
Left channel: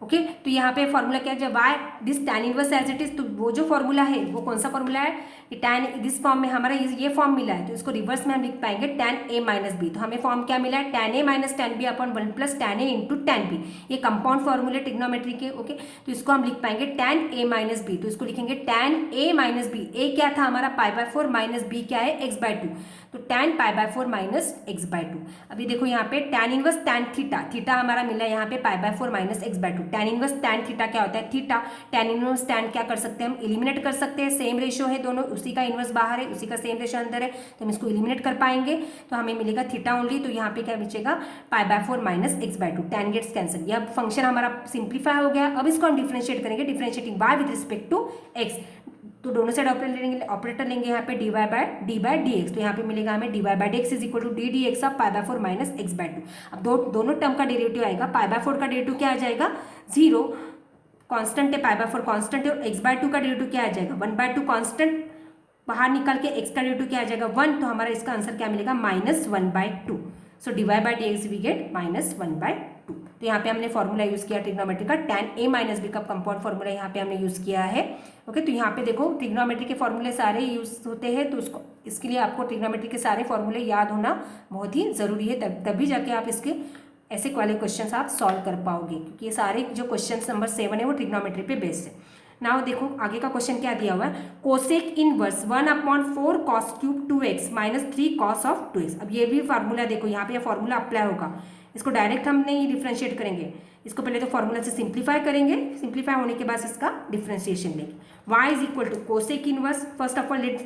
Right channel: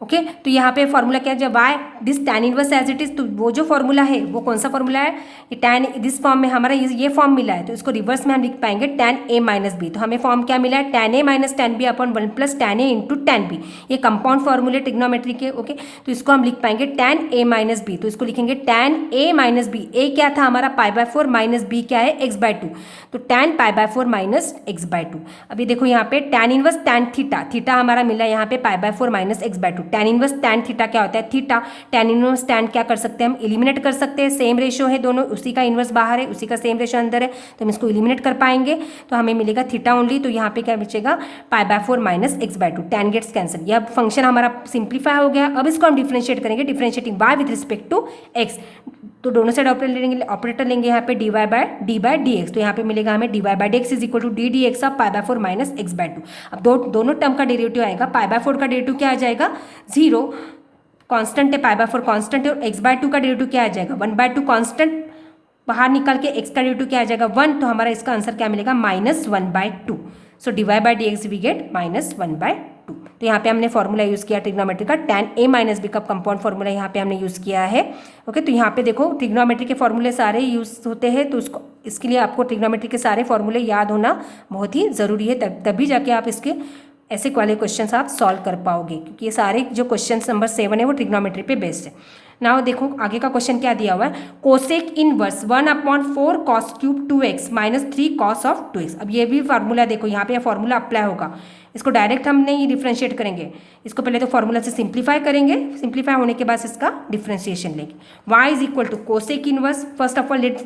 ओके, तो यहाँ पे फॉर्मूला क्या है, जब y this tan inverse as it is, तो वो जो फॉर्मूला है वो कौन सा फॉर्मूला है, ये tan दिस फॉर्म में हमारा ये फॉर्म मिला है, तो इसको रिवर्स में हम लिख पाएंगे tan a माइनस बी, तो हमें फॉर्म क्या मिला है tan a minus tan b upon 1 plus tan a into tan b, ये कंपाउंड फॉर्मूले ट्रिग्नोमेट्री के। ओके, तो इसको हम लिख पाएंगे tan a माइनस बी, तो इसको लिखेंगे tan a minus b, a क्या था हमारा π/4 माइनस b क्या है x बाय टू, तो tan π/4 minus x by two. अभी देखो यहाँ पे tan inverse tan theta, theta हमारा मिला यहाँ पे π/4 minus x by two, tan inverse tan theta क्या होता है थीटा, tan इनवर्स tan क्या कर सकते हैं हम एलिमिनेट कर सकते हैं, सेम रेशियो है दोनों, उसी का इनवर्स बाहर है उसी का सेम रेशियो अंदर है, तो हम इसको एलिमिनेट कर पाएंगे, तो हमें मिलेगा थीटा ओनली, तो यहाँ पे क्या बचेगा π/4 minus x by two, tan gets cancel, यह फंक्शन हमारा सिंप्लीफाई हो गया। अब इसको हम डिफरेंशिएट करेंगे, differentiating y with respect to x, तो दोनों साइड ऑपरेटर लेंगे यहाँ पे dy बाय डी एक्स, तो यहाँ पे मिलेगा हमें dy by d x is equal to d d x of π/4 minus x by two. अब दोनों टर्म का डेरिवेटिव आएगा, π/4 का डेरिवेटिव क्या आ जाएगा 0, कांस्टेंट है π/4 कांस्टेंट है, और x बाय टू का डेरिवेटिव क्या आ जाएगा 1/2 कांस्टेंट, बाहर निकल के x का डेरिवेटिव क्या आ जाएगा 1, तो हमारा इसका आंसर क्या मिलेगा -1/2। So dy by d x we get -1/2। तो यहाँ पे हमने फॉर्मूला यूज़ किया ट्रिग्नोमेट्री का, tan a माइनस बी का कंपाउंड फॉर्मूला यहाँ पे हमने यूज़ किया है। ओके, तो यहाँ पे देखो ट्रिग्नोमेट्री के फॉर्मूले सारे यूज़ होते हैं, तो उसको इसके लिए आपको ट्रिग्नोमेट्री के सारे फॉर्मूले याद होना बहुत ही ज़रूरी है, तभी जाके आप इसके ऐसे वाले क्वेश्चन आप सॉल्व कर पाओगे, क्योंकि ये सारे जो क्वेश्चन नंबर 7 है वो ट्रिग्नोमेट्री पे बेस्ड है। नाउ देखो आगे का क्वेश्चन क्या दिया हुआ है, cosec inverse 1/4 cos cube 2x minus 3 cos of 2x। अब ये भी फार्मूला देखो यहाँ पे फार्मूला अप्लाई होगा, इसको डायरेक्ट हम नहीं डिफ्रेंशिएट करेंगे, इसको पहले तो फार्मूला से सिंप्लीफाई करेंगे, सिंप्लीफाई होने के बाद इसका डिफ्रेंशिएशन लेंगे। y is equal to cosec inverse, first of all let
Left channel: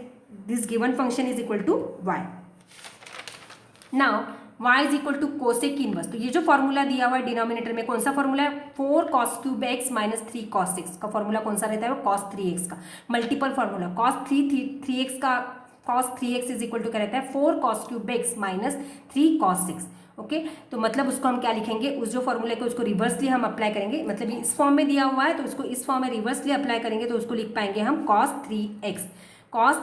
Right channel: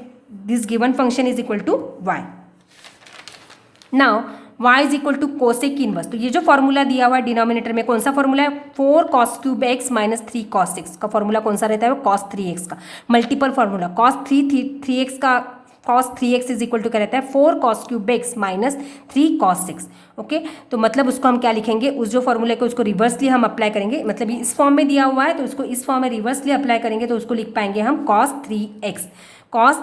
this given function is equal to y। Now y is equal to cosec inverse. तो ये जो फॉर्मूला दिया हुआ है डिनोमिनेटर में, कौन सा फॉर्मूला है, 4 cos cube x minus 3 cos 6 का फॉर्मूला कौन सा रहता है, वो cos 3x का multiple formula cos 3x is equal to क्या रहता है, 4 cos cube x minus 3 cos 6। Okay तो मतलब उसको हम क्या लिखेंगे, उस जो फॉर्मूले को उसको रिवर्सली हम अप्लाई करेंगे, मतलब इस फॉर्म में दिया हुआ है तो उसको इस फॉर्म में रिवर्सली अप्लाई करेंगे तो उसको लिख पाएंगे हम cos 3x। cos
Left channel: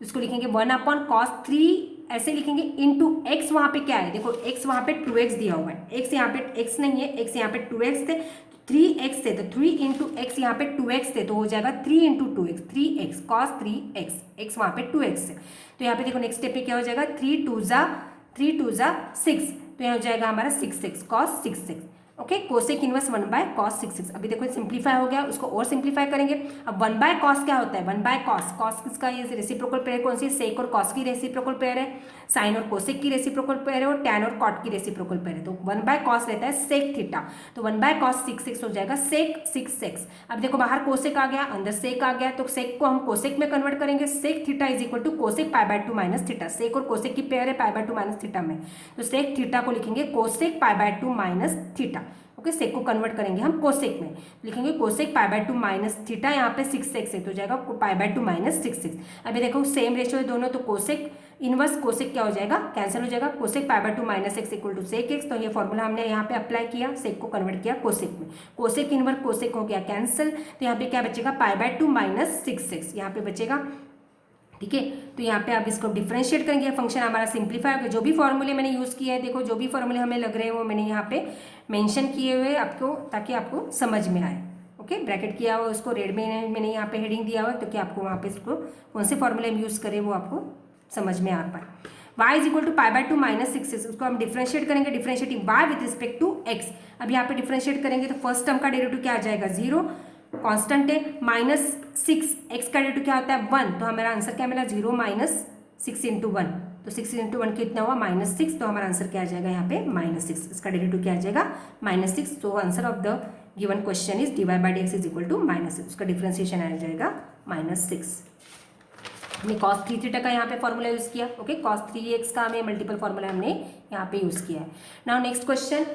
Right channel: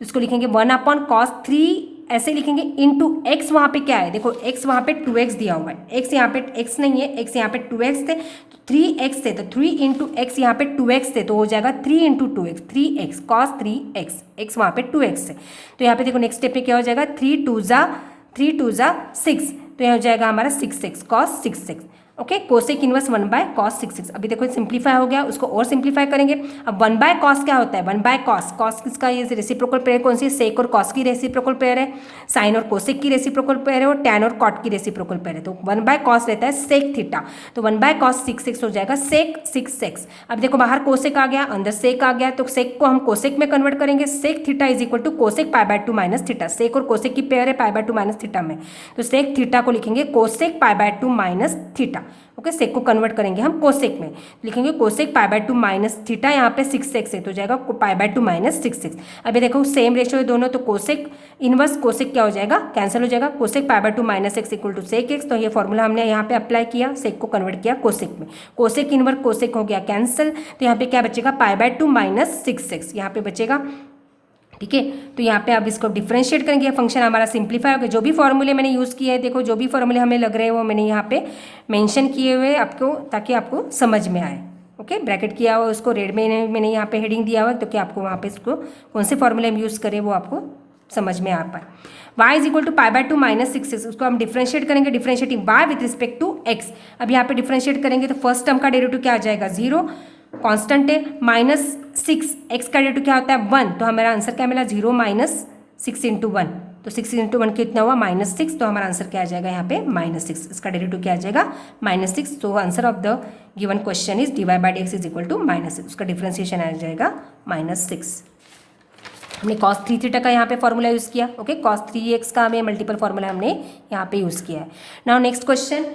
इसको लिखेंगे 1 cos 3 ऐसे लिखेंगे इंटू एक्स, वहाँ पे क्या है, देखो एक्स वहाँ पे 2x दिया हुआ है, एक्स यहाँ पे एक्स नहीं है, एक्स यहाँ पे 2x थे तो 3x थे, तो 3 इंटू एक्स यहाँ पे 2x थे तो हो जाएगा 3 into 2x 3x cos 3x, x वहाँ पे 2x है। तो यहाँ पे देखो नेक्स्ट स्टेप पे क्या हो जाएगा, 3 2 जा 6, तो यह हो जाएगा हमारा 6x cos 6x। Okay cosec inverse 1 by cos 6x। अभी देखो सिंप्लीफाई हो गया, उसको और सिंप्लीफाई करेंगे। अब 1 बाय cos क्या होता है, 1 बाय cos किसका ये रेसिप्रोकल पेयर कौन सी है, सेक और cos की रेसिप्रोकल पेयर है, साइन और कोसेक की रेसिप्रोकल पेयर है और टैन और कॉट की रेसिप्रोकल पेयर है। तो 1 बाय cos रहता है सेक थीटा, तो 1 बाय cos 6x हो जाएगा सेक 6x। अब देखो बाहर कोसेक आ गया, अंदर सेक आ गया, तो सेक को हम कोसेक में कन्वर्ट करेंगे, sec theta is equal to cosec pi by 2 minus theta. Sec और कोसेक की पेयर है पाई बाय 2 माइनस थीटा में, तो सेक थीटा को लिखेंगे cosec pi by 2 minus theta. Okay sec को कन्वर्ट करेंगे हम कोसेक में, लिखेंगे cosec pi by 2 minus theta, यहाँ पे 6x है तो जाएगा पाई बाय 2 माइनस 6x। अभी देखो सेम रेशियो है दोनों, तो कोसेक इनवर्स कोसेक क्या हो जाएगा, कैंसिल हो जाएगा, cosec pi by 2 minus x equal to sec x। तो ये फॉर्मूला हमने यहाँ पे अप्लाई किया, सेक को कन्वर्ट किया कोसेक में, कोसेक इनवर्स कोसेक हो गया कैंसिल, तो यहाँ पे क्या बचेगा पाई बाय 2 माइनस 6x यहाँ पे बचेगा। ठीक है तो यहाँ पे आप इसको डिफ्रेंशिएट करेंगे, फंक्शन हमारा सिंप्लीफाई हो गया। जो भी फॉर्मूले मैंने यूज़ किए हैं, देखो जो भी फॉर्मूले हमें लग रहे हैं वो मैंने यहाँ पे मेंशन किए हुए आपको, ताकि आपको समझ में आए। ओके ब्रैकेट किया हुआ उसको रेड में मैंने यहाँ पे हेडिंग दिया हुआ, तो कि आपको वहाँ पे इसको कौन से फॉर्मूले हम यूज़ करें वो आपको समझ में आ पाए। y is equal to pi by 2 minus 6x, उसको हम डिफ्रेंशिएट करेंगे, differentiating y with respect to x। अब यहाँ पे डिफ्रेंशिएट करेंगे तो फर्स्ट टर्म का डेरिवेटिव क्या आ जाएगा, 0, कांस्टेंट है, माइनस 6 एक्स का डेरिवेटिव क्या होता है 1, तो हमारा आंसर क्या मिला 0 माइनस 6 इंटू 1, तो 6 इंटू 1 कितना हुआ -6, तो हमारा आंसर क्या आ जाएगा यहाँ पे -6, इसका डेरिवेटिव क्या आ जाएगा -6। तो answer of the given question is dy by d x is equal to -6, उसका डिफ्रेंसिएशन आ जाएगा -6। हमने cos 3 थीटा का यहाँ पे फॉर्मूला यूज़ किया। ओके cos 3x का हमें मल्टीपल फॉर्मूला हमने यहाँ पे यूज़ किया है। Now next question,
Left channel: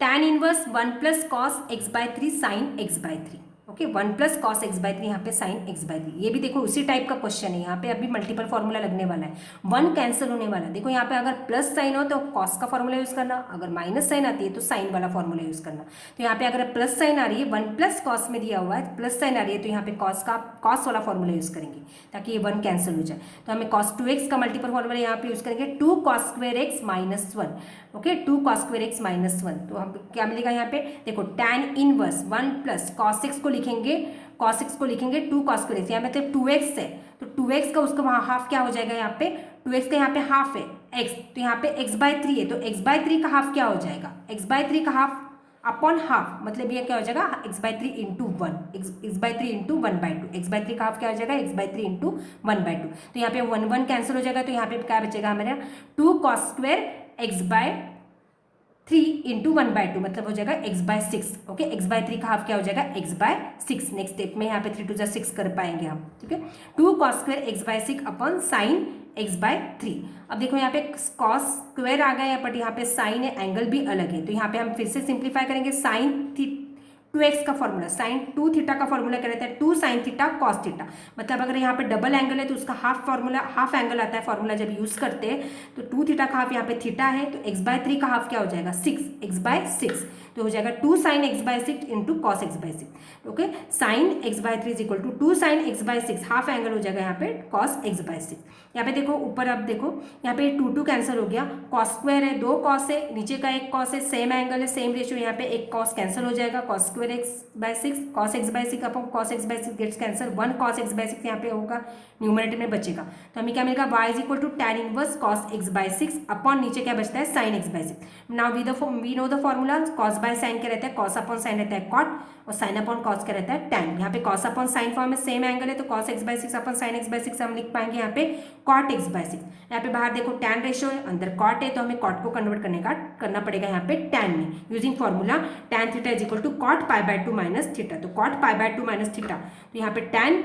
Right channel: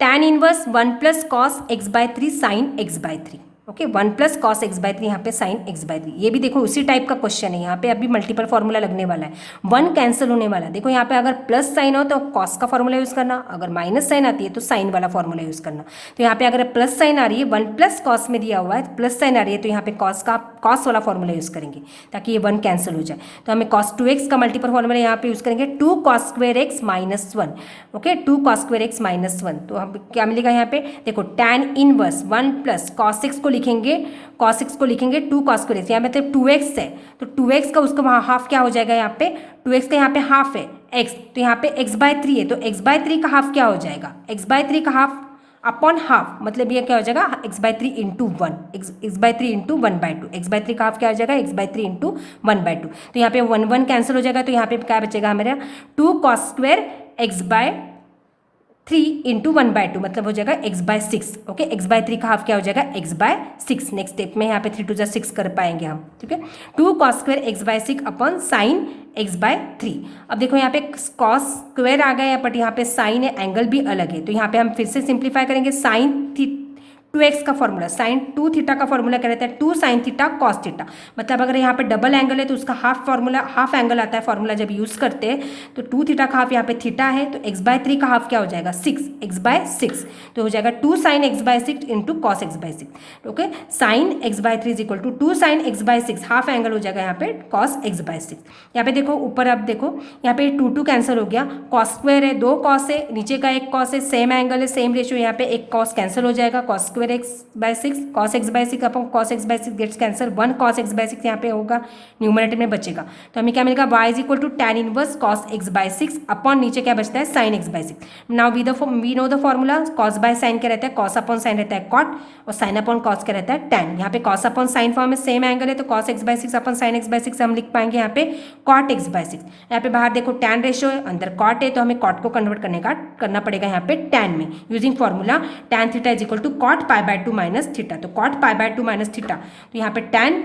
tan inverse 1 plus cos x by 3 sine x by 3। Okay 1 plus cos x by 3 यहाँ पे साइन x बाय 3, ये भी देखो उसी टाइप का क्वेश्चन है, यहाँ पे अभी मल्टीपल फॉर्मूला लगने वाला है, 1 कैंसिल होने वाला है। देखो यहाँ पे अगर प्लस साइन हो तो cos का फॉर्मूला यूज़ करना, अगर माइनस साइन आती है तो साइन वाला फॉर्मूला यूज़ करना। तो यहाँ पे अगर प्लस साइन आ रही है, 1 प्लस cos में दिया हुआ है, प्लस साइन आ रही है तो यहाँ पे cos वाला फॉर्मूला यूज़ करेंगे ताकि ये 1 कैंसिल हो जाए। तो हमें cos 2x का मल्टीपल फॉर्मूला यहाँ पे यूज़ करेंगे, 2 cos square x minus 1। Okay 2 cos square x minus 1, तो हम क्या मिलेगा यहाँ पे, देखो tan inverse 1 plus cos x को लिखेंगे, cos x को लिखेंगे 2 cos स्क्वायर x, यहाँ पे मतलब 2x है तो 2x का उसका वहाँ हाफ क्या हो जाएगा, यहाँ पे 2x का यहाँ पे हाफ है x, तो यहाँ पे x बाय 3 है तो x बाय 3 का हाफ क्या हो जाएगा, x बाय 3 का हाफ अपॉन हाफ, मतलब ये क्या हो जाएगा x by 3 into 1, x by 3 into 1 by 2, x by 3 का हाफ क्या हो जाएगा x बाय 3 इंटू 1 बाय 2। तो यहाँ पे 1 1 कैंसिल हो जाएगा, तो यहाँ पे क्या बचेगा हमारा 2 cos square x by 3 into 1 by 2, मतलब हो जाएगा x by 6। Okay x by 3 का हाफ क्या हो जाएगा x बाय 6। नेक्स्ट स्टेप में यहाँ पे 3 2 जा 6 कर पाएंगे हम। ठीक है 2 cos square x by 6 upon sine x by 3। अब देखो यहाँ पे cos स्क्वायर आ गया, बट यहाँ पे साइन है, एंगल भी अलग है, तो यहाँ पे हम फिर से सिंप्लीफाई करेंगे। साइन 2x का फॉर्मूला, साइन 2 थीटा का फॉर्मूला क्या रहता है 2 साइन थीटा कॉस थीटा, मतलब अगर यहाँ पे डबल एंगल है तो उसका हाफ फॉर्मूला, हाफ एंगल आता है फॉर्मूला जब यूज़ करते हैं, तो 2 थीटा का हाफ यहाँ पे थीटा है, तो x बाय 3 का हाफ क्या हो जाएगा 6, x बाय 6, तो हो जाएगा 2 sine x by 6 into cos x by 6। Okay sine x by 3 is equal to 2 sine x by 6, half angle हो जाएगा यहाँ पे कॉस x बाय 6। यहाँ पे देखो ऊपर, अब देखो यहाँ पे 2 2 कैंसिल हो गया, कॉस स्क्वायर है, 2 कॉस है, नीचे का एक कॉस है, सेम एंगल है, सेम रेशियो, यहाँ पे एक कॉस कैंसिल हो जाएगा, cos square x by 6 cos x by 6 upon cos x by 6 gets cancel, 1 cos x by 6 यहाँ पे होगा, न्यूमरेटर में बचेगा, तो हमें क्या मिलेगा y is equal to tan inverse cos x by 6 upon नीचे क्या बचता है sin x by 6। Now we know the formula, cos by sin क्या रहता है, cos अपॉन sin रहता है cot, और sin अपॉन cos क्या रहता है tan। यहाँ पे cos अपॉन sin फॉर्म में सेम एंगल है, तो cos x by 6 upon sin x by 6 हम लिख पाएंगे यहाँ पे cot x बाय 6। यहाँ पे बाहर देखो tan रेशियो है, अंदर cot है, तो हमें cot को कन्वर्ट करना पड़ेगा यहाँ पे tan में, using formula tan theta is equal to cot pi by 2 minus theta, तो cot pi by 2 minus theta, तो यहाँ पे tan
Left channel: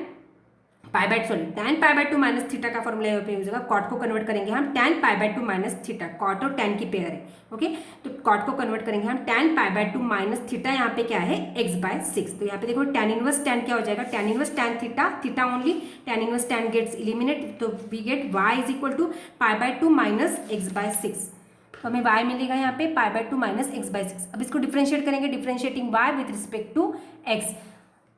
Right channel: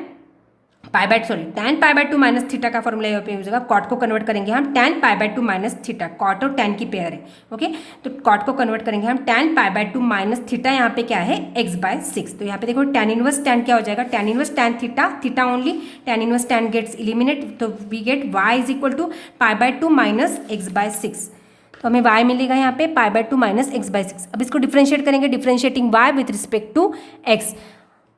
tan pi by 2 minus theta का फॉर्मूला यहाँ पे यूज होगा। कॉट को कन्वर्ट करेंगे हम tan pi by 2 minus theta, cot और tan की पेयर है। ओके, तो कॉट को कन्वर्ट करेंगे हम tan pi by 2 minus theta, यहाँ पे क्या है x/6। तो यहाँ पे देखो tan इनवर्स tan क्या हो जाएगा, tan inverse tan theta, theta only, tan inverse tan gets eliminate, तो we get y is equal to pi by 2 minus x/6। तो हमें y मिलेगा यहाँ पे पाई बाय 2 माइनस x/6। अब इसको डिफ्रेंशिएट करेंगे, differentiating y with respect to x।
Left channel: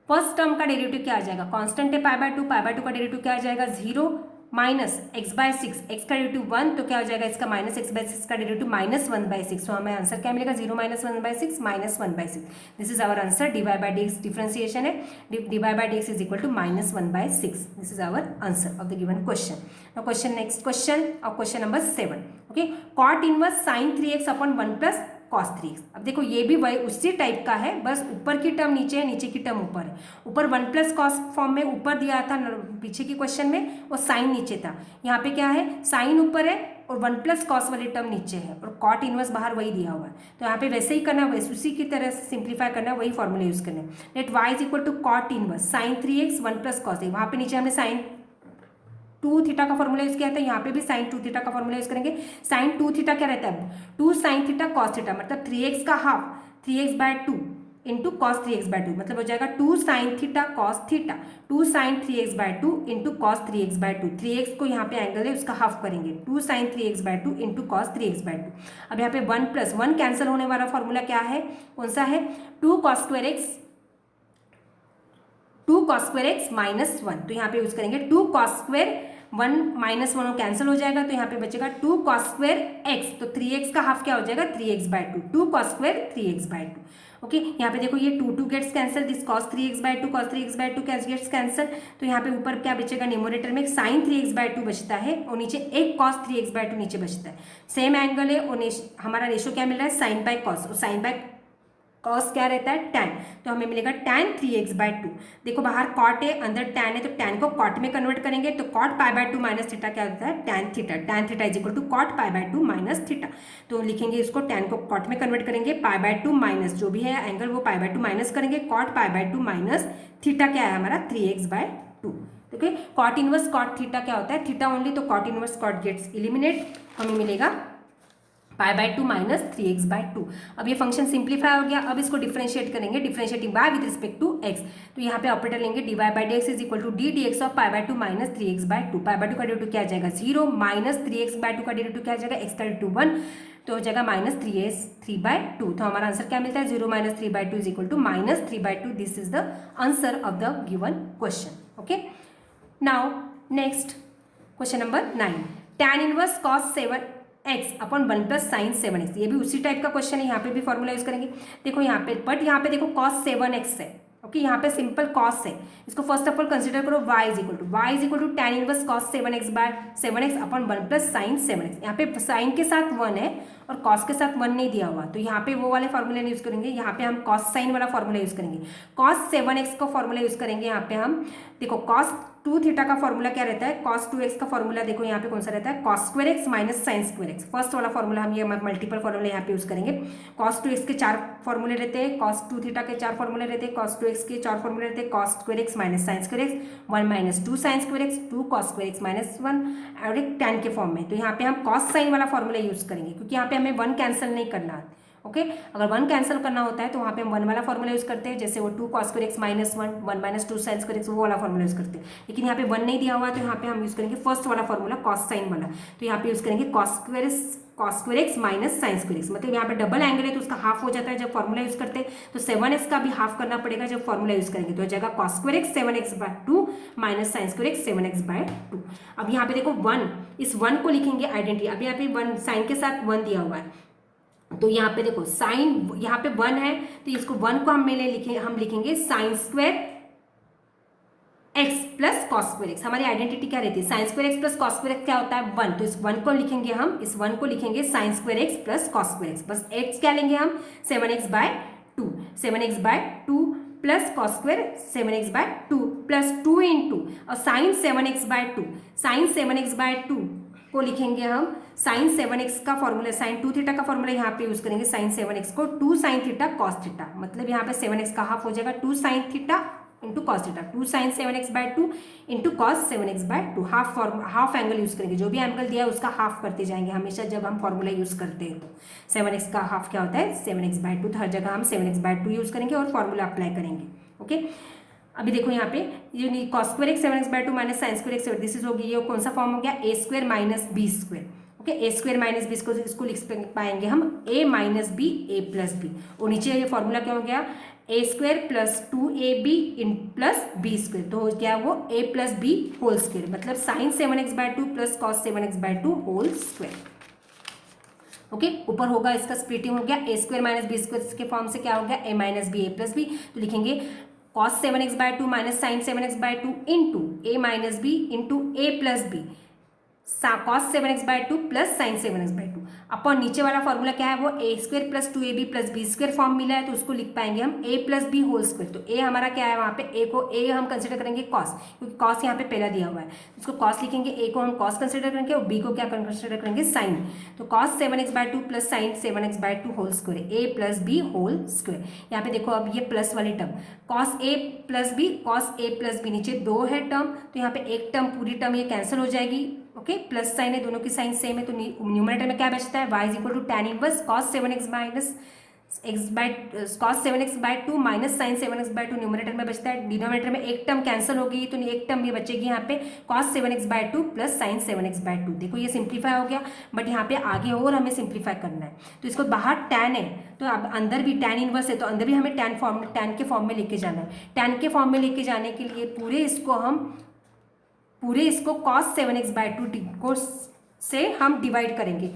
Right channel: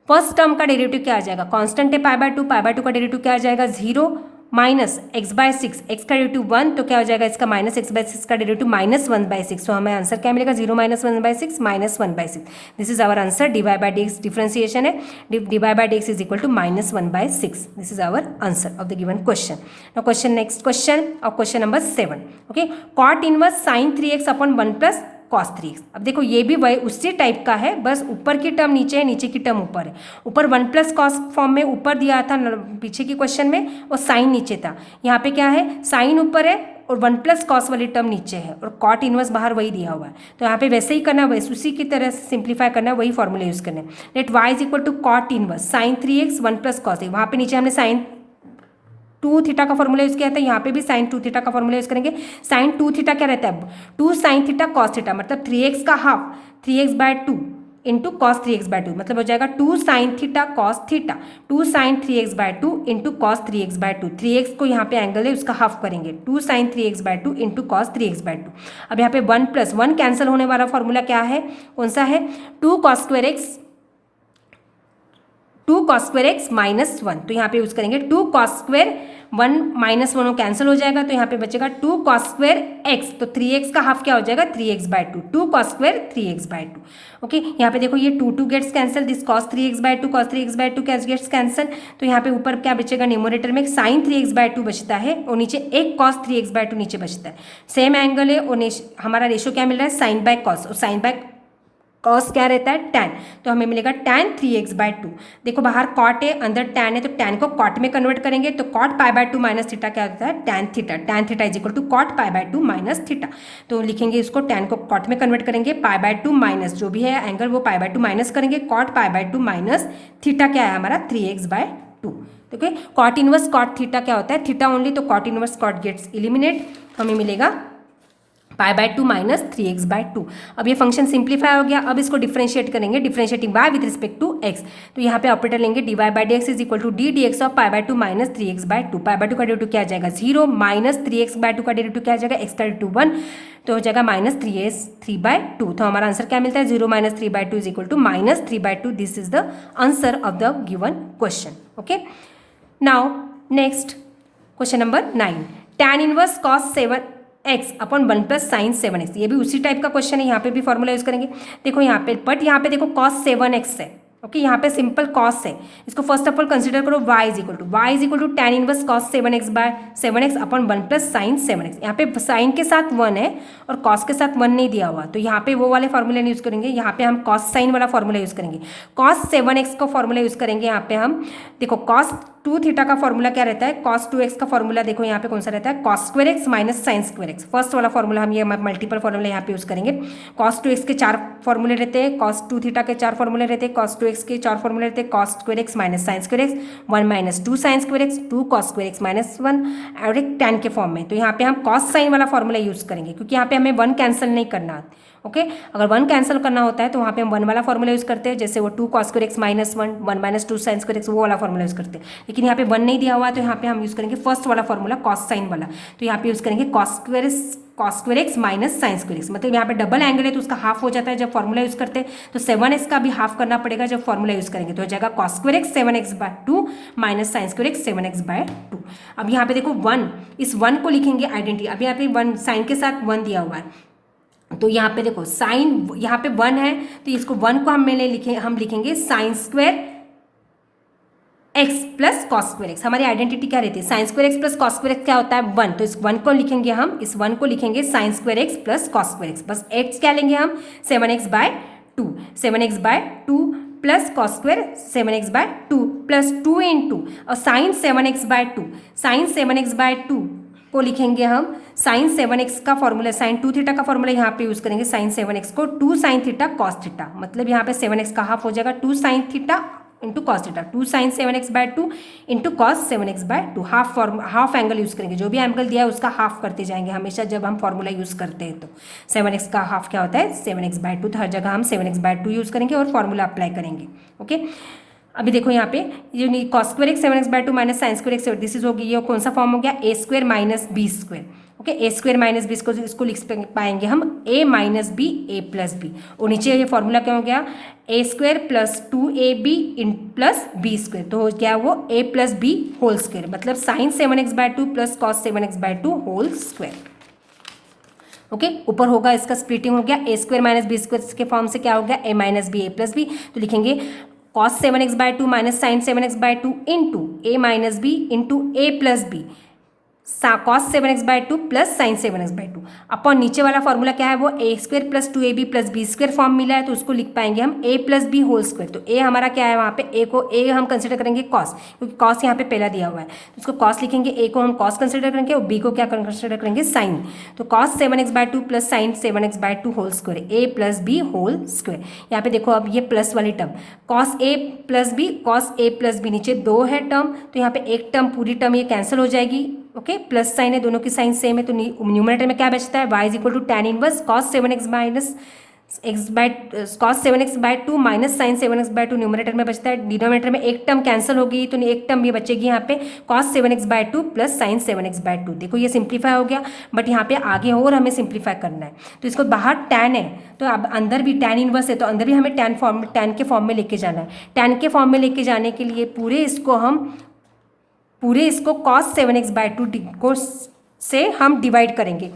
First term का डेरिवेटिव क्या आ जाएगा, कांस्टेंट है पाई बाय 2 का डेरिवेटिव क्या आ जाएगा 0 माइनस x/6, x का डेरिवेटिव 1, तो क्या हो जाएगा इसका माइनस x/6 का डेरिवेटिव -1/6। तो हमें आंसर क्या मिलेगा 0 minus 1/6 minus 1/6। This is our answer. dy by dx differentiation है, dy by dx is equal to -1/6। This is our answer of the given question. Now question, next question और question number 7। Okay, cot inverse sin 3x upon 1 plus cos 3x। अब देखो ये भी वही उसी type का है, बस ऊपर की टर्म नीचे है, नीचे की टर्म ऊपर है। ऊपर 1 प्लस कॉस फॉर्म में ऊपर दिया था पीछे की क्वेश्चन में, और साइन नीचे था। यहाँ पे क्या है, साइन ऊपर है और 1 प्लस कॉस वाली टर्म नीचे है, और कॉट इनवर्स बाहर वही दिया हुआ है। तो यहाँ पे वैसे ही करना, वैसे उसी की तरह सिंप्लीफाई करना, वही फॉर्मूला यूज करना है। Let y is equal to cot inverse sin 3x 1 plus cos. वहाँ पे नीचे हमने साइन 2 थीटा का फॉर्मूला यूज किया था, यहाँ पे भी sin 2 थीटा का फॉर्मूला यूज करेंगे। sin 2 थीटा क्या रहता है, 2 sin थीटा cos थीटा, मतलब 3x का half 3x/2 into cos 3x/2, मतलब हो जाएगा 2 sin theta cos theta, 2 sin 3x/2 into cos 3x/2। 3x को यहाँ पे एंगल है उसका हाफ करेंगे, 2 sin 3x/2 into cos 3x/2। अब यहाँ पे 1 प्लस 1 कैंसिल होने वाला फॉर्मूला क्या है, कौन सा है, 2 cos स्क्वायर एक्स माइनस 1। तो यहाँ पे यूज करेंगे 2 cos स्क्वायर 1 माइनस 1 कैंसिल हो जाएगा, तो यहाँ पे बचेगा 2 cos स्क्वायर एक्स, तो 3x का हाफ क्या हो जाएगा 3x/2, 2 cos square 3x/2। Okay, यहाँ पे देखो ये 2 gets cancel, this cos 3x/2 gets cancel. तो यहाँ पे ऊपर क्या बचेगा, न्यूमरेटर में sin 3x/2 बचता है, और नीचे एक cos 3x/2 नीचे बचता है। सेम एंगल है, और हमारा रेशो क्या मिल रहा है, sin बाय cos, और sin बाय cos क्या रहता है tan, तो हमें मिलेगा tan 3x/2। देखो बाहर cot है, अंदर tan है, तो tan को cot में कन्वर्ट करेंगे, तो cot pi by 2 minus theta क्या होता है, tan theta is equal to cot pi by 2 minus theta. तो लिखेंगे इसको, tan को cot में कन्वर्ट करेंगे, पाई बाय 2 माइनस जो भी है एंगल वो पाई बाय 2 माइनस करेंगे, cot pi by 2 minus theta क्या है हमारा 3x/2। Okay, cot inverse cot theta क्या होता है, थीटा ओनली, तो cot inverse cot gets eliminate, हमें मिलेगा पाई बाय 2 माइनस 3x/2। अब ये फंक्शन सिंप्लीफाई हो गया। अब इसको डिफ्रेंशिएट करेंगे, differentiating y with respect to x। तो यहाँ पे ऑपरेटर लेंगे, dy by dx is equal to d dx of pi by 2 minus 3x/2। Pi by 2 का डेरिवेटिव क्या आ जाएगा 0, माइनस 3x/2 का डेरिवेटिव क्या आ जाएगा, x का डेरिवेटिव 1, तो हो जाएगा माइनस 3/2। तो हमारा आंसर क्या मिलता है, 0 minus 3/2 is equal to minus 3/2। This is the answer of the given question. Okay, now next question number 9, tan inverse cos 7x upon 1 plus sine 7x। ये भी उसी टाइप का क्वेश्चन है, यहाँ पे भी फॉर्मूला यूज करेंगे। देखो यहाँ पे, बट यहाँ पे देखो cos 7x है। ओके, यहाँ पे सिंपल cos है, इसको फर्स्ट ऑफ ऑल कंसिडर करो, y is equal to tan inverse cos 7x upon 1 plus sine 7x। यहाँ पे साइन के साथ 1 है और cos के साथ 1 नहीं दिया हुआ, तो यहाँ पे वो वाले फॉर्मूला यूज करेंगे। यहाँ पे हम cos साइन वाला फॉर्मूला यूज करेंगे, cos 7x का फॉर्मूला यूज करेंगे। यहाँ पे हम देखो cos 2 थीटा का फॉर्मूला क्या रहता है, cos 2x का फॉर्मूला देखो यहाँ पे कौन सा रहता है, cos square x minus sine square x। First वाला फॉर्मूला हम ये मल्टीपल फॉर्मूला यहाँ पे यूज करेंगे। cos 2x के 4 फॉर्मूले रहते हैं, cos 2 थीटा के 4 फॉर्मूले रहते हैं, cos 2x के 4 फॉर्मूले रहते हैं, cos square x minus sine square x, 1 minus 2 sine square x, 2 cos square x minus 1, और एक tan के फॉर्म में। तो यहाँ पे हम cos साइन वाला फॉर्मूला यूज करेंगे, क्योंकि यहाँ पे हमें 1 कैंसिल नहीं करना। ओके, अगर 1 कैंसिल करना होता है तो वहाँ पे हम 1 वाला फॉर्मूला यूज करते हैं, जैसे वो 2 cos square x minus 1, 1 minus 2 sine square x, वो वाला फॉर्मूला यूज करते हैं। लेकिन यहाँ पे 1 नहीं दिया हुआ, तो यहाँ पे हम यूज करेंगे फर्स्ट वाला फॉर्मूला cos साइन वाला। तो यहाँ पे यूज करेंगे cos square x minus sine square x, मतलब यहाँ पे डबल एंगल है तो उसका हाफ हो जाता है जब फॉर्मूला यूज करते हैं, तो 7x का भी हाफ करना पड़ेगा जब फॉर्मूला यूज करेंगे, तो हो जाएगा cos square x 7x/2 minus sine square x 7x/2। अब यहाँ पे देखो 1, इस 1 को लिखेंगे आइडेंटिटी। अब यहाँ पे 1 साइन के साथ 1 दिया हुआ है, तो यहाँ पे देखो साइन, यहाँ पे 1 है तो इसको 1 को हम लिखेंगे sine square x plus cos square x। हमारी आइडेंटिटी क्या रहती है, sine square x plus cos square x क्या होता है 1, तो इस 1 को लिखेंगे हम, इस 1 को लिखेंगे sine square x plus cos square x। बस x क्या लेंगे हम 7x/2 plus cos square 7x/2 plus 2 into और साइन 7x/2 को लिखेंगे हम साइन 7x का फॉर्मूला, साइन 2 थीटा का फॉर्मूला यहाँ पे यूज करेंगे, साइन 7x को 2 साइन थीटा कॉस थीटा, मतलब यहाँ पे 7x का हाफ हो जाएगा 2 sine theta into cos theta, 2 sine 7x/2 into cos 7x/2, half angle use करेंगे, जो भी एंगल दिया है उसका हाफ करते जाएंगे हमेशा जब हम फॉर्मूला यूज़ करते हैं। तो 7x का हाफ क्या होता है 7x/2, तो हर जगह हम 7x/2 यूज़ करेंगे और फॉर्मूला अप्लाई करेंगे। ओके, अभी देखो यहाँ पे ये cos square x 7x/2 minus sine square x, this is होगी, ये कौन सा फॉर्म हो गया a square minus b square. Okay, a square minus b, इसको लिख पाएंगे हम a minus b a plus b, और नीचे ये फॉर्मूला क्या हो गया ए स्क्वायर प्लस 2ab इन प्लस बी स्क्वायर, तो हो गया वो a plus b whole square, मतलब sine 7x/2 plus cos 7x/2 whole square. Okay, ऊपर होगा इसका स्प्लिटिंग हो गया a square minus b square के फॉर्म से क्या हो गया a minus b a plus b, तो लिखेंगे cos 7x/2 minus sine 7x/2 into a minus b into a plus b cos 7x/2 plus sine 7x/2 upon नीचे वाला formula क्या है वो a square plus 2ab plus b square form मिला है, तो उसको लिख पाएंगे हम a plus b whole square. तो a हमारा क्या है वहाँ पे a हम कंसिडर करेंगे कॉस, क्योंकि कॉस यहाँ पे पहला दिया हुआ है, तो उसको कॉस लिखेंगे, a को हम कॉस कंसिडर करेंगे और b को क्या कंसिडर करेंगे साइन। तो cos 7x/2 plus sine 7x/2 whole square, a plus b whole square. यहाँ पे देखो अब ये प्लस वाली term cos a plus b, cos a plus b, नीचे 2 है टर्म, तो यहाँ पे एक टर्म पूरी टर्म ये कैंसिल हो जाएगी। ओके, प्लस साइन है, दोनों की साइन सेम है, तो न्यूमरेटर में क्या बचता है y is equal to tan inverse cos 7x minus cos 7x/2 minus sine 7x/2 numerator में बचता है, डिनोमिनेटर में एक टर्म कैंसिल हो गई, तो एक टर्म ये बचेगी यहाँ पे cos 7x/2 plus sine 7x/2। देखो ये सिंप्लीफाई हो गया, बट यहाँ पे आगे और हमें सिंप्लीफाई करना है, तो इसको बाहर tan है तो अब अंदर भी tan इनवर्स है, तो अंदर भी हमें tan के फॉर्म में लेके जाना है। tan के फॉर्म में लेके जाने के लिए पूरे इसको कॉस 7x/2 को से हम डिवाइड करेंगे,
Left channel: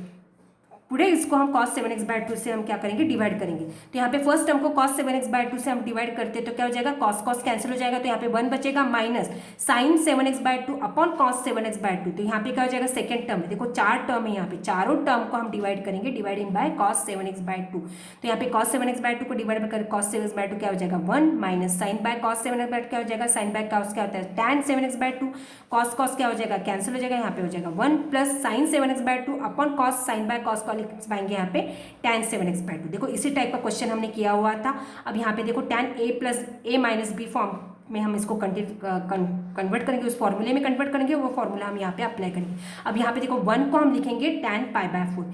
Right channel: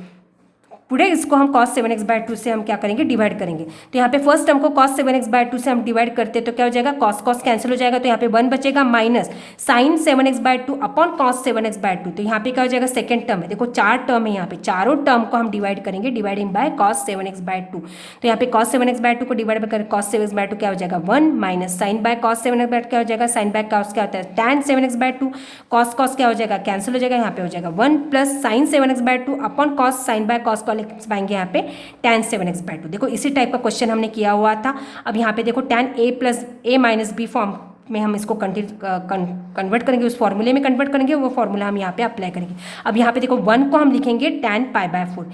पूरे इसको हम cos 7x/2 से हम क्या करेंगे डिवाइड करेंगे। तो यहाँ पे फर्स्ट टर्म को cos 7x/2 से हम डिवाइड करते हैं तो क्या हो जाएगा cos कैंसिल हो जाएगा, तो यहाँ पे 1 बचेगा minus sine 7x/2 upon cos 7x/2। तो यहाँ पे क्या हो जाएगा सेकंड टर्म है, देखो 4 टर्म है, यहाँ पे चारों टर्म को हम डिवाइड करेंगे डिवाइडिंग बाय cos 7x/2। तो यहाँ पे cos 7x/2 को डिवाइड कर cos 7x/2 क्या हो जाएगा 1 minus sign by cos 7x/2 क्या हो जाएगा साइन बाय cos क्या होता है tan 7x/2, cos क्या हो जाएगा कैंसिल हो जाएगा, यहाँ पे हो जाएगा 1 plus sine 7x/2 upon cos sine by cos को लिख पाएंगे यहाँ पे tan 7x/2। देखो इसी टाइप का क्वेश्चन हमने किया हुआ था। अब यहाँ पे देखो tan a plus a minus b form में हम इसको कन्वर्ट करेंगे, उस फॉर्मूले में कन्वर्ट करेंगे, वो फॉर्मूला हम यहाँ पे अप्लाई करेंगे। अब यहाँ पे देखो 1 को हम लिखेंगे tan π/4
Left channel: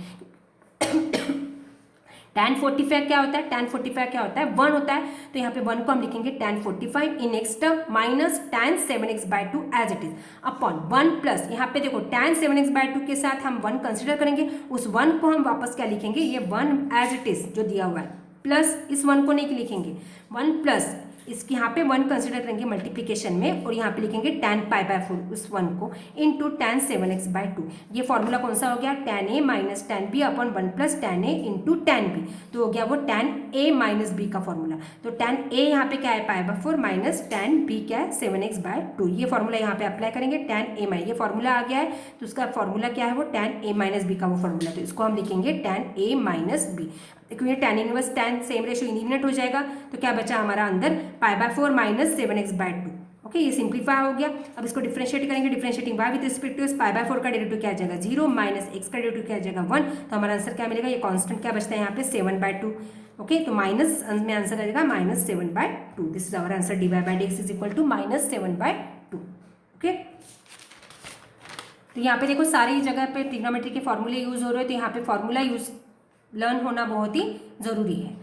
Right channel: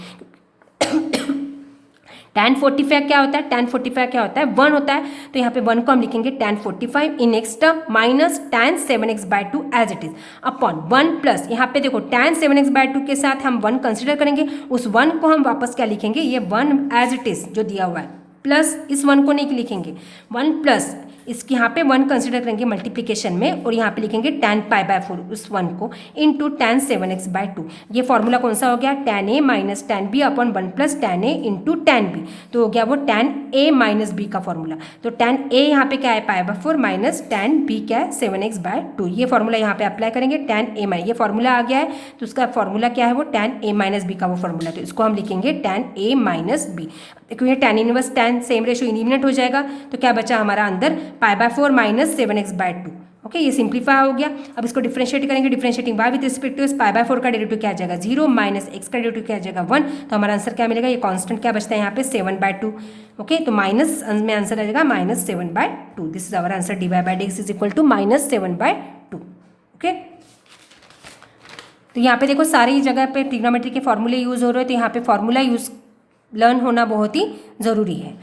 tan 45 क्या होता है tan 45 क्या होता है 1 होता है, तो यहाँ पे 1 को हम लिखेंगे tan 45 in next term minus tan 7x/2 as it is upon 1 plus यहाँ पे देखो tan 7x/2 के साथ हम 1 कंसिडर करेंगे, उस 1 को हम वापस क्या लिखेंगे ये 1 एज इट इज जो दिया हुआ है, प्लस इस 1 को नहीं लिखेंगे 1 प्लस इसके यहाँ पे 1 कंसिडर करेंगे मल्टीप्लिकेशन में और यहाँ पे लिखेंगे tan π/4 उस 1 को इंटू tan 7x/2। ये फॉर्मूला कौन सा हो गया tan a minus tan b upon 1 plus tan a into tan b, तो हो गया वो tan a माइनस b का फॉर्मूला। तो tan a यहाँ पे क्या है π/4 माइनस tan b क्या है 7x/2। ये फॉर्मूला यहाँ पे अप्लाई करेंगे tan a माइनस, ये फॉर्मूला आ गया है तो उसका फॉर्मूला क्या है वो tan a माइनस b का वो फॉर्मूला, तो इसको हम लिखेंगे tan a माइनस b। देखो ये tan inverse tan same ratio eliminate हो जाएगा, तो क्या बचा हमारा अंदर π/4 माइनस 7x/2। ओके, ये सिंप्लीफाई हो गया। अब इसको डिफरेंशिएट करेंगे, differentiating y with respect to इस π/4 का डेरिवेटिव क्या आ जाएगा 0 माइनस x का डेरिवेटिव क्या आ जाएगा 1, तो हमारा आंसर क्या मिलेगा, ये कांस्टेंट क्या बचता है यहाँ पे 7/2। ओके, तो माइनस में आंसर आ जाएगा minus 7/2। This is our answer, dy/dx is equal to minus 7/2। Okay, तो यहाँ पे देखो सारी जगह पे ट्रिग्नोमेट्री के फॉर्मूले यूज हो रहे हैं, तो यहाँ पे फॉर्मूला यूज लर्न होना बहुत ही ज़रूरी है।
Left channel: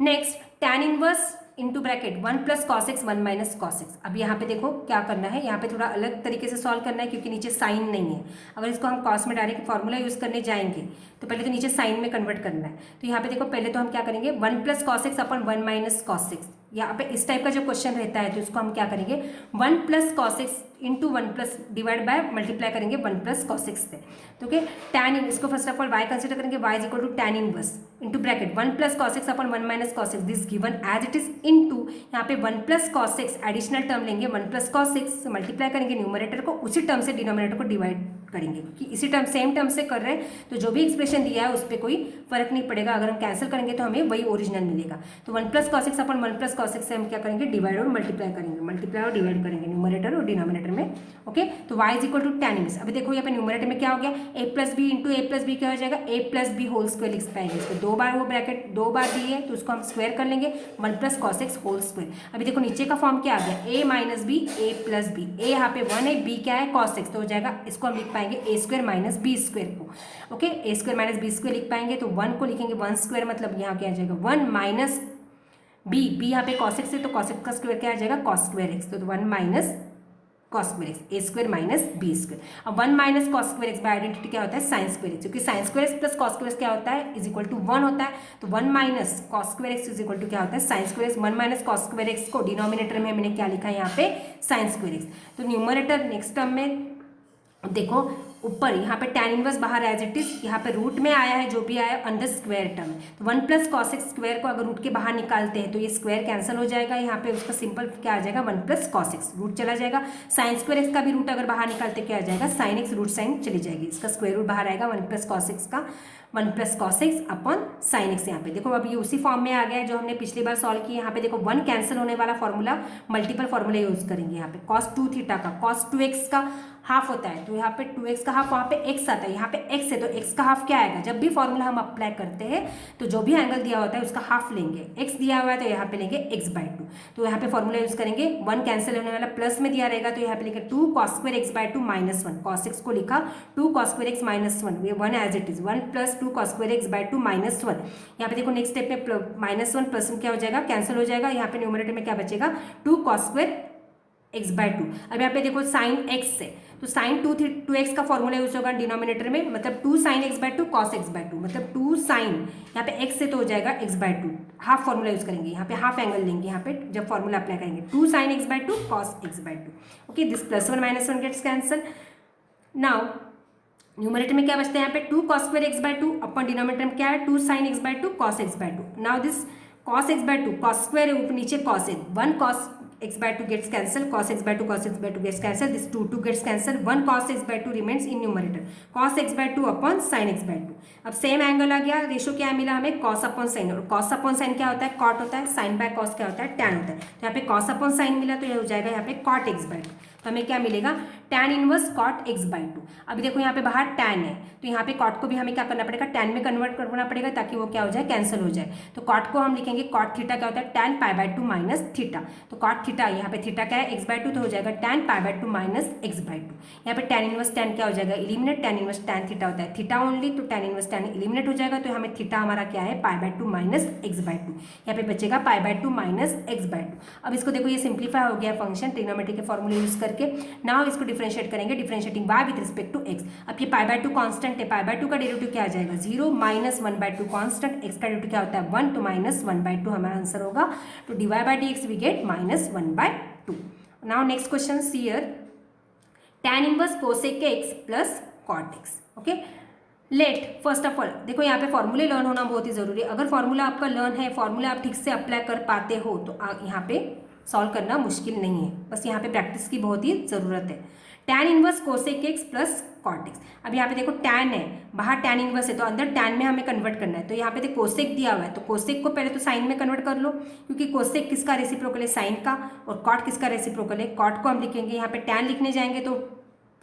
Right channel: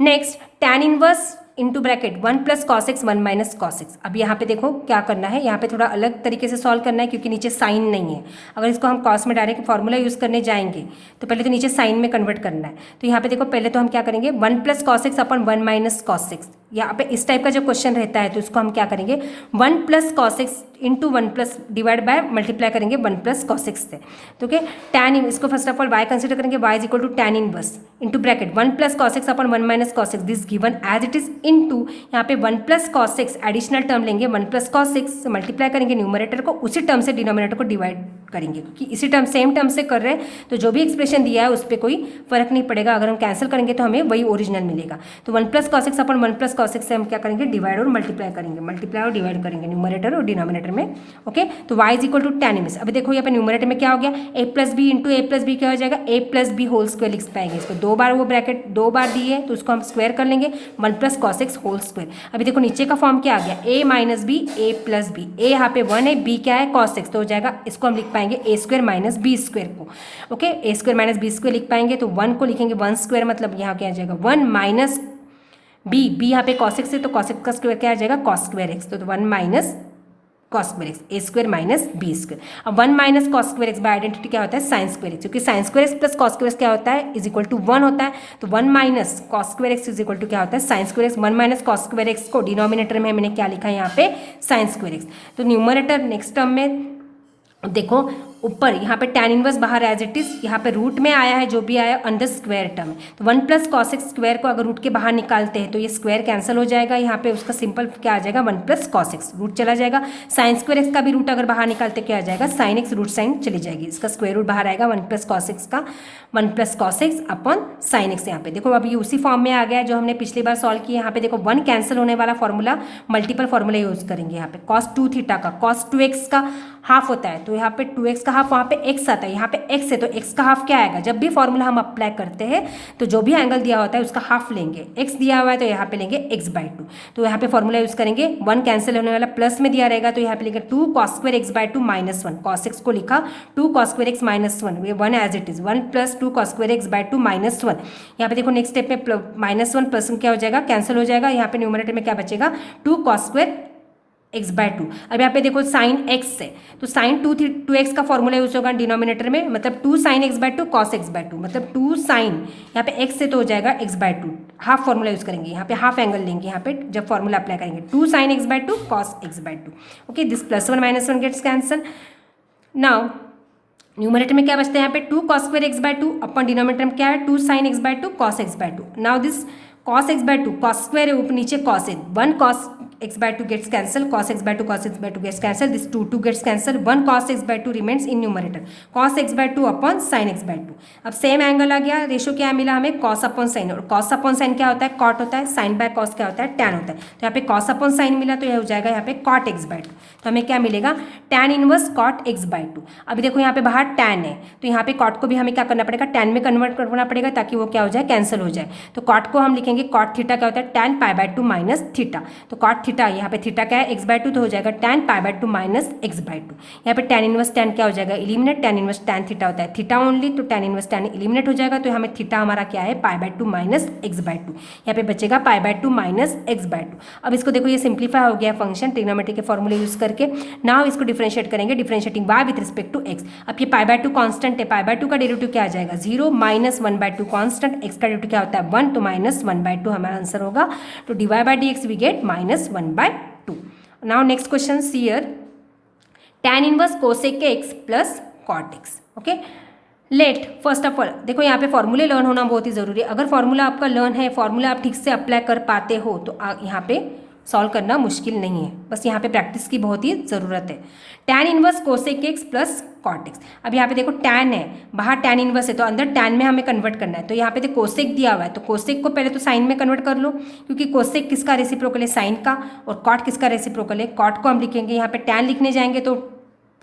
Next tan inverse into bracket 1 plus cos x 1 minus cos x. अब यहाँ पे देखो क्या करना है, यहाँ पे थोड़ा अलग तरीके से सॉल्व करना है क्योंकि नीचे साइन नहीं है। अगर इसको हम कॉस में डायरेक्ट फॉर्मूला यूज़ करने जाएंगे तो पहले तो नीचे साइन में कन्वर्ट करना है। तो यहाँ पे देखो पहले तो हम क्या करेंगे 1 plus cos x upon 1 minus cos x. यहाँ पे इस टाइप का जो क्वेश्चन रहता है तो उसको हम क्या करेंगे 1 plus cos x into 1 plus divide by multiply करेंगे 1 प्लस कॉस एक्स से। तो ओके tan इसको first of all y consider करेंगे, y is equal to tan inverse into bracket 1 plus cos x upon 1 minus cos x this given as it is into यहाँ पे 1 plus cos x additional term लेंगे 1 plus cos x से multiply करेंगे numerator को, उसी term से denominator को divide करेंगे, क्योंकि इसी टर्म सेम टर्म से कर रहे हैं तो जो भी एक्सप्रेशन दिया है उस पर कोई फर्क नहीं पड़ेगा। अगर हम कैंसिल करेंगे तो हमें वही ओरिजिनल मिलेगा। तो 1 + cos x अपन 1 + cos x से हम क्या करेंगे, डिवाइड और मल्टीप्लाई करेंगे, मल्टीप्लाई और डिवाइड करेंगे न्यूमरेटर और डिनोमिनेटर में। ओके, तो y = tan इनवर्स। अभी देखो यहाँ पे न्यूमरेटर में क्या हो गया, a + b × a + b क्या हो जाएगा, a + b होल स्क्वायर लिख पाएंगे। इसको 2 बार वो ब्रैकेट 2 बार दिए तो उसको हम स्क्वायर कर लेंगे, 1 + cos x होल स्क्वायर। अभी देखो नीचे का फॉर्म क्या आ गया, a - b a + b, a यहाँ पे 1 है, b क्या है cos x, तो हो जाएगा इसको हम लिख पाएंगे a² - b² को। ओके, a² - b² लिख पाएंगे तो 1 को लिखेंगे 1² मतलब यहाँ क्या आ जाएगा 1 - b यहाँ पे cos x है तो cos x का स्क्वायर क्या आ जाएगा cos² x, तो 1 - cos² x a² - b²। अब 1 - cos² x बाय आइडेंटिटी क्या होता है sin² x, क्योंकि sin² x + cos² x क्या होता है = 1 होता है। तो 1 - cos² x = क्या होता है sin² x। 1 - cos² x को डिनोमिनेटर में मैंने क्या लिखा है यहाँ पे sin² x। तो न्यूमरेटर नेक्स्ट टर्म में देखो ऊपर यहाँ पे tan इनवर्स बाहर एज इट इज, यहाँ पे रूट में आया है जो भी आया अंडर स्क्वायर टर्म। तो 1 + cos x स्क्वायर को अगर रूट के बाहर निकालते हैं तो ये स्क्वायर कैंसिल हो जाएगा, यहाँ पे उसका सिंपल क्या आ जाएगा 1 + cos x, रूट चला जाएगा। sin² x का भी रूट अगर बाहर निकालते क्या आ जाएगा sin x, रूट साइन चली जाएगी, इसका स्क्वायर रूट बाहर आएगा 1 + cos x का 1 + cos x अपन sin x। यहाँ पे देखो अभी उसी फॉर्म में आ गया है जो हमने पिछली बार सॉल्व किया। यहाँ पे देखो 1 कैंसिल होने वाला फॉर्मूला मल्टीपल फॉर्मूला यूज करेंगे। यहाँ पे cos 2 थीटा का cos 2x का हाफ होता है, तो यहाँ पे 2x का हाफ, वहाँ पे x आता है, यहाँ पे x है तो x का हाफ क्या आएगा, जब भी फॉर्मूला हम अप्लाई करते हैं तो जो भी एंगल दिया होता है उसका हाफ लेंगे। x दिया हुआ है तो यहाँ पे लेंगे x/2, तो यहाँ पे फॉर्मूला यूज करेंगे। 1 कैंसिल होने वाला प्लस में दिया रहेगा तो यहाँ पे लेंगे 2 cos² x/2 -1, cos x को लिखा 2 cos² x -1, ये 1 as it is 1 + 2 cos² x/2 -1। यहाँ पे देखो नेक्स्ट स्टेप पे -1 प्लस क्या हो जाएगा कैंसिल हो जाएगा, यहाँ पे न्यूमरेटर में क्या बचेगा 2 cos² x/2। अब यहाँ पे देखो sin x है तो sin 2x का फॉर्मूला यूज होगा डिनोमिनेटर में, मतलब 2 sin x/2 cos x/2, मतलब 2 sin यहाँ पे x से तो हो जाएगा x/2, हाफ फॉर्मूला यूज करेंगे, यहाँ पे हाफ एंगल लेंगे, यहाँ पे जब फॉर्मूला अप्लाई करेंगे 2 sin x/2 cos x/2। Okay, this +1 -1 gets cancel. Now numerator में क्या बचता है यहाँ पे 2 cos² x/2 अपन डिनोमिनेटर में क्या है 2 sin x/2 cos x/2। Now this cos x/2 cos² है ऊपर नीचे cos है, 1 cos x/2 gets cancel, cos x/2 gets cancel, this 2 gets cancel, 1 cos x/2 remains in numerator, cos x/2 upon sin x/2। अब same angle आ गया, ratio क्या मिला हमें cos upon sin, और cos upon sin क्या होता है cot होता है, sin by cos क्या होता है tan होता है। तो यहाँ पे cos upon sin मिला तो यह हो जाएगा यहाँ पे cot x/2, तो हमें क्या मिलेगा tan इनवर्स cot x/2। अभी देखो यहाँ पे बाहर tan है तो यहाँ पे cot को भी हमें क्या करना पड़ेगा tan में कन्वर्ट करना पड़ेगा ताकि वो क्या हो जाए कैंसिल हो जाए। तो cot को हम लिखेंगे cot थीटा क्या होता है tan π/2 माइनस थीटा, तो cot थीटा यहाँ पे थीटा क्या है x/2 तो हो जाएगा tan π/2 माइनस x/2। यहाँ पे tan इनवर्स tan क्या हो जाएगा eliminate, tan inverse tan theta होता है थीटा ओनली, तो tan इनवर्स tan एलिमिनेट हो जाएगा, तो हमें थीटा हमारा क्या है π/2 माइनस x/2, यहाँ पे बचेगा π/2 माइनस x/2। अब इसको देखो ये सिंप्लीफाई हो गया फंक्शन ट्रिग्नोमेट्री के फॉर्मूले यूज करके। नाउ इसको डिफरेंशिएट करेंगे, differentiating y with respect to x। अब ये π/2 कांस्टेंट है, π/2 का डेरिवेटिव क्या आ जाएगा 0 माइनस 1/2 कांस्टेंट, x का डेरिवेटिव क्या होता है 1 तो माइनस 1/2 हमारा आंसर होगा, तो dy/dx we get -1/2। Now next question here tan inverse cosec x plus cot x। Okay, let first of all देखो यहाँ पे फॉर्मूले लर्न होना बहुत ही ज़रूरी है। अगर फॉर्मूला आपका लर्न है, फॉर्मूला आप ठीक से अप्लाई कर पाते हो तो यहाँ पे सॉल्व करना मुश्किल नहीं है, बस यहाँ पे प्रैक्टिस की बहुत ही ज़रूरत है। tan inverse cosec x plus cot x। अब यहाँ पे देखो tan है, बाहर tan इनवर्स है तो अंदर tan में हमें कन्वर्ट करना है, तो यहाँ पे देखो cosec दिया हुआ है तो cosec को पहले तो साइन में कन्वर्ट कर लो, क्योंकि cosec किसका रेसिप्रोकल है साइन का, और cot किसका रेसिप्रोकल है cot को हम लिखेंगे, यहाँ पे tan लिखने जाएंगे तो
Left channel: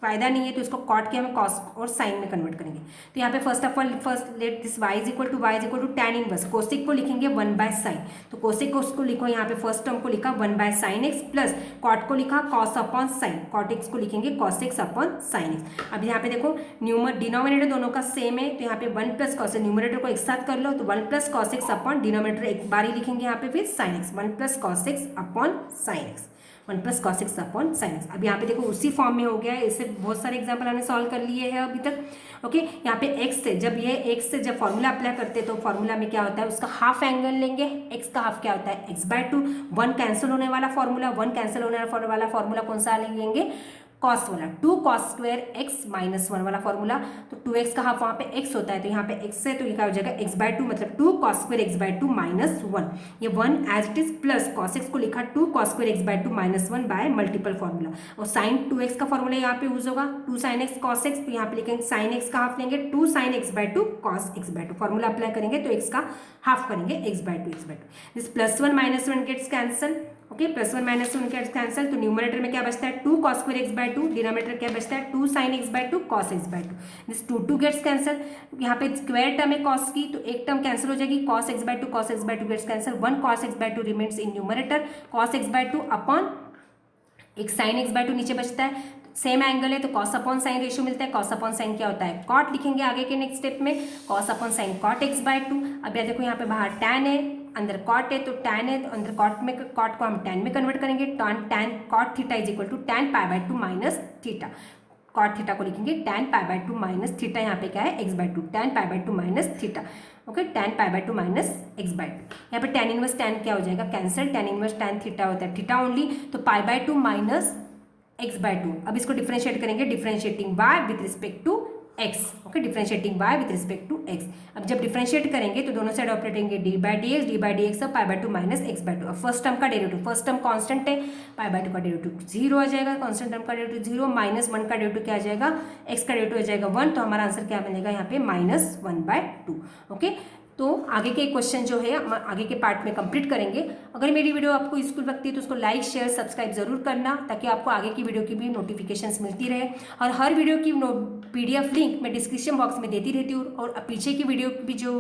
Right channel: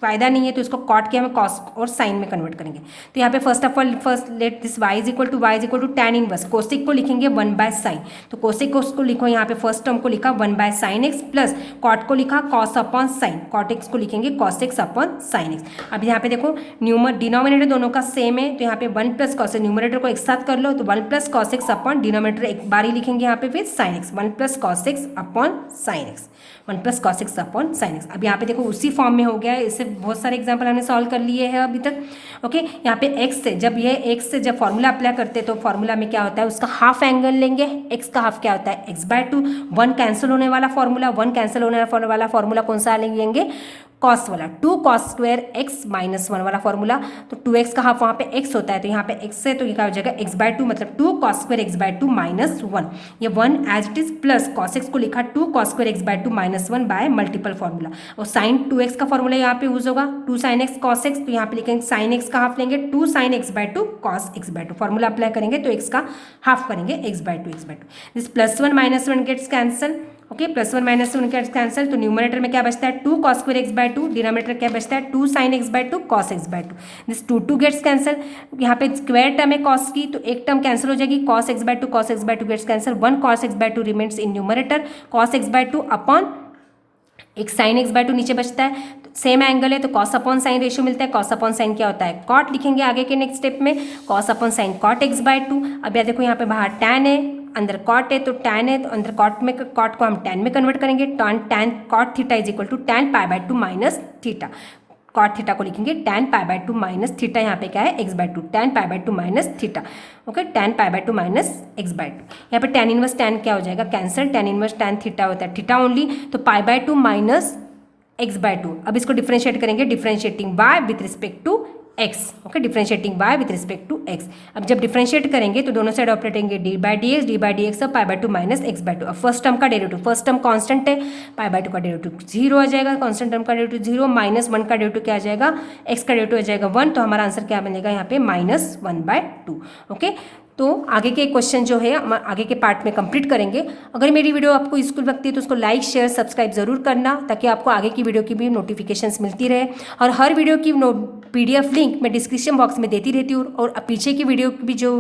फायदा नहीं है, तो इसको कॉट के हमें कॉस और साइन में कन्वर्ट करेंगे। तो यहाँ पे first of all let this y equal to tan inverse, cosec को लिखेंगे 1/sin, तो कोसेक को उसको लिखो यहाँ पे फर्स्ट टर्म को लिखा 1/sin x प्लस कॉट को लिखा cos upon sine, cot x को लिखेंगे cos x upon sin x। अब यहाँ पे देखो डिनोमिनेटर दोनों का सेम है तो यहाँ पे 1 + cos, न्यूमरेटर को एक साथ कर लो तो 1 + cos x अपॉन डिनोमिनेटर एक बार ही लिखेंगे यहाँ पे फिर sin x, 1 + cos x upon sin x, 1 + cos x upon sin x। अब यहाँ पे देखो उसी फॉर्म में हो गया है, इससे बहुत सारे एग्जाम्पल हमने सॉल्व कर लिए हैं अभी तक। ओके, यहाँ पे x से जब ये x से जब फॉर्मूला अप्लाई करते हैं तो फॉर्मूला में क्या होता है उसका हाफ एंगल लेंगे, x का हाफ क्या होता है x/2, 1 कैंसिल होने वाला फॉर्मूला, 1 कैंसिल होने वाला फॉर्मूला कौन सा लेंगे कॉस वाला 2 कॉस स्क्वायर एक्स माइनस 1 वाला फॉर्मूला। तो 2x का हाफ वहाँ पे x होता है, तो यहाँ पे x है तो ये क्या हो जाएगा x/2, मतलब 2 कॉस स्क्वायर x/2 माइनस 1। ये 1 as it is plus cos x को लिखा 2 cos square x/2 minus 1 by multiple formula. और साइन 2x का फॉर्मूला यहाँ पे यूज होगा 2 साइन एक्स कॉस एक्स, तो यहाँ पे लिखेंगे साइन एक्स का हाफ लेंगे 2 sine x/2 cos x/2। Formula apply करेंगे तो x का हाफ करेंगे x/2। This +1 -1 gets cancel. Okay, +1 -1 gets cancel. तो न्यूमरेटर में क्या बचता है 2 कॉस स्क्वायर x/2, डिनोमिनेटर क्या बचता है 2 sine x/2 cos x/2। This 2 gets cancel. यहाँ पे स्क्वायर टर्म है कॉस की, तो एक टर्म कैंसिल हो जाएगी, cos x/2 gets cancel. 1 cos x/2 remains in numerator, cos x/2 upon एक साइन x/2 नीचे बचता है। सेम एंगल है तो कॉस अपॉन साइन रेशियो मिलता है। कॉस अपॉन साइन क्या होता है कॉट, लिखेंगे आगे के नेक्स्ट स्टेप में cos upon sine cot x/2। अब यार देखो यहाँ पे बाहर टैन है, अंदर कॉट है, तो टैन है तो अंदर कॉट में, कॉट को हम टैन में कन्वर्ट करेंगे। Tan cot theta is equal to tan पाई/2 माइनस थीटा। कॉट थीटा को लिखेंगे टैन पाई/2 माइनस थीटा, यहाँ पे क्या है x/2, टैन पाई/2 माइनस थीटा। ओके, टैन पाई/2 माइनस x/2। यहाँ पे टैन इनवर्स टैन क्या हो जाएगा cancel, tan inverse tan theta होता है थीटा ओनली, तो पाई/2 माइनस x/2। अब इसको डिफरेंशिएट करेंगे, differentiating y with respect to x। Okay, differentiating y with respect to x। अब जब डिफरेंशिएट करेंगे तो दोनों साइड ऑपरेटेंगे d/dx अब पाई/2 माइनस x/2। अब फर्स्ट टर्म का डेरिवेटिव, फर्स्ट टर्म कांस्टेंट है, पाई/2 का डेरिवेटिव 0 आ जाएगा, कांस्टेंट टर्म का डेरिवेटिव 0, -1 का डेरिवेटिव क्या आ जाएगा x का डेरिवेटिव आ जाएगा 1, तो हमारा आंसर क्या बनेगा यहाँ पे -1/2। ओके, तो आगे के क्वेश्चन जो है हम आगे के पार्ट में कंप्लीट करेंगे। अगर मेरी वीडियो आपको यूजफुल लगती है तो उसको लाइक शेयर सब्सक्राइब जरूर करना, ताकि आपको आगे की वीडियो की भी नोटिफिकेशंस मिलती रहे। और हर वीडियो की PDF लिंक मैं डिस्क्रिप्शन बॉक्स में देती रहती हूँ, और पीछे की वीडियो की भी जो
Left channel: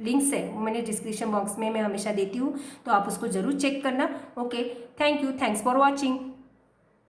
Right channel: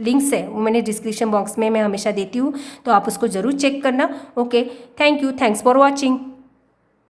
लिंक्स है वो मैंने डिस्क्रिप्शन बॉक्स में मैं हमेशा देती हूँ, तो आप उसको ज़रूर चेक करना। Okay, thank you, thanks for watching.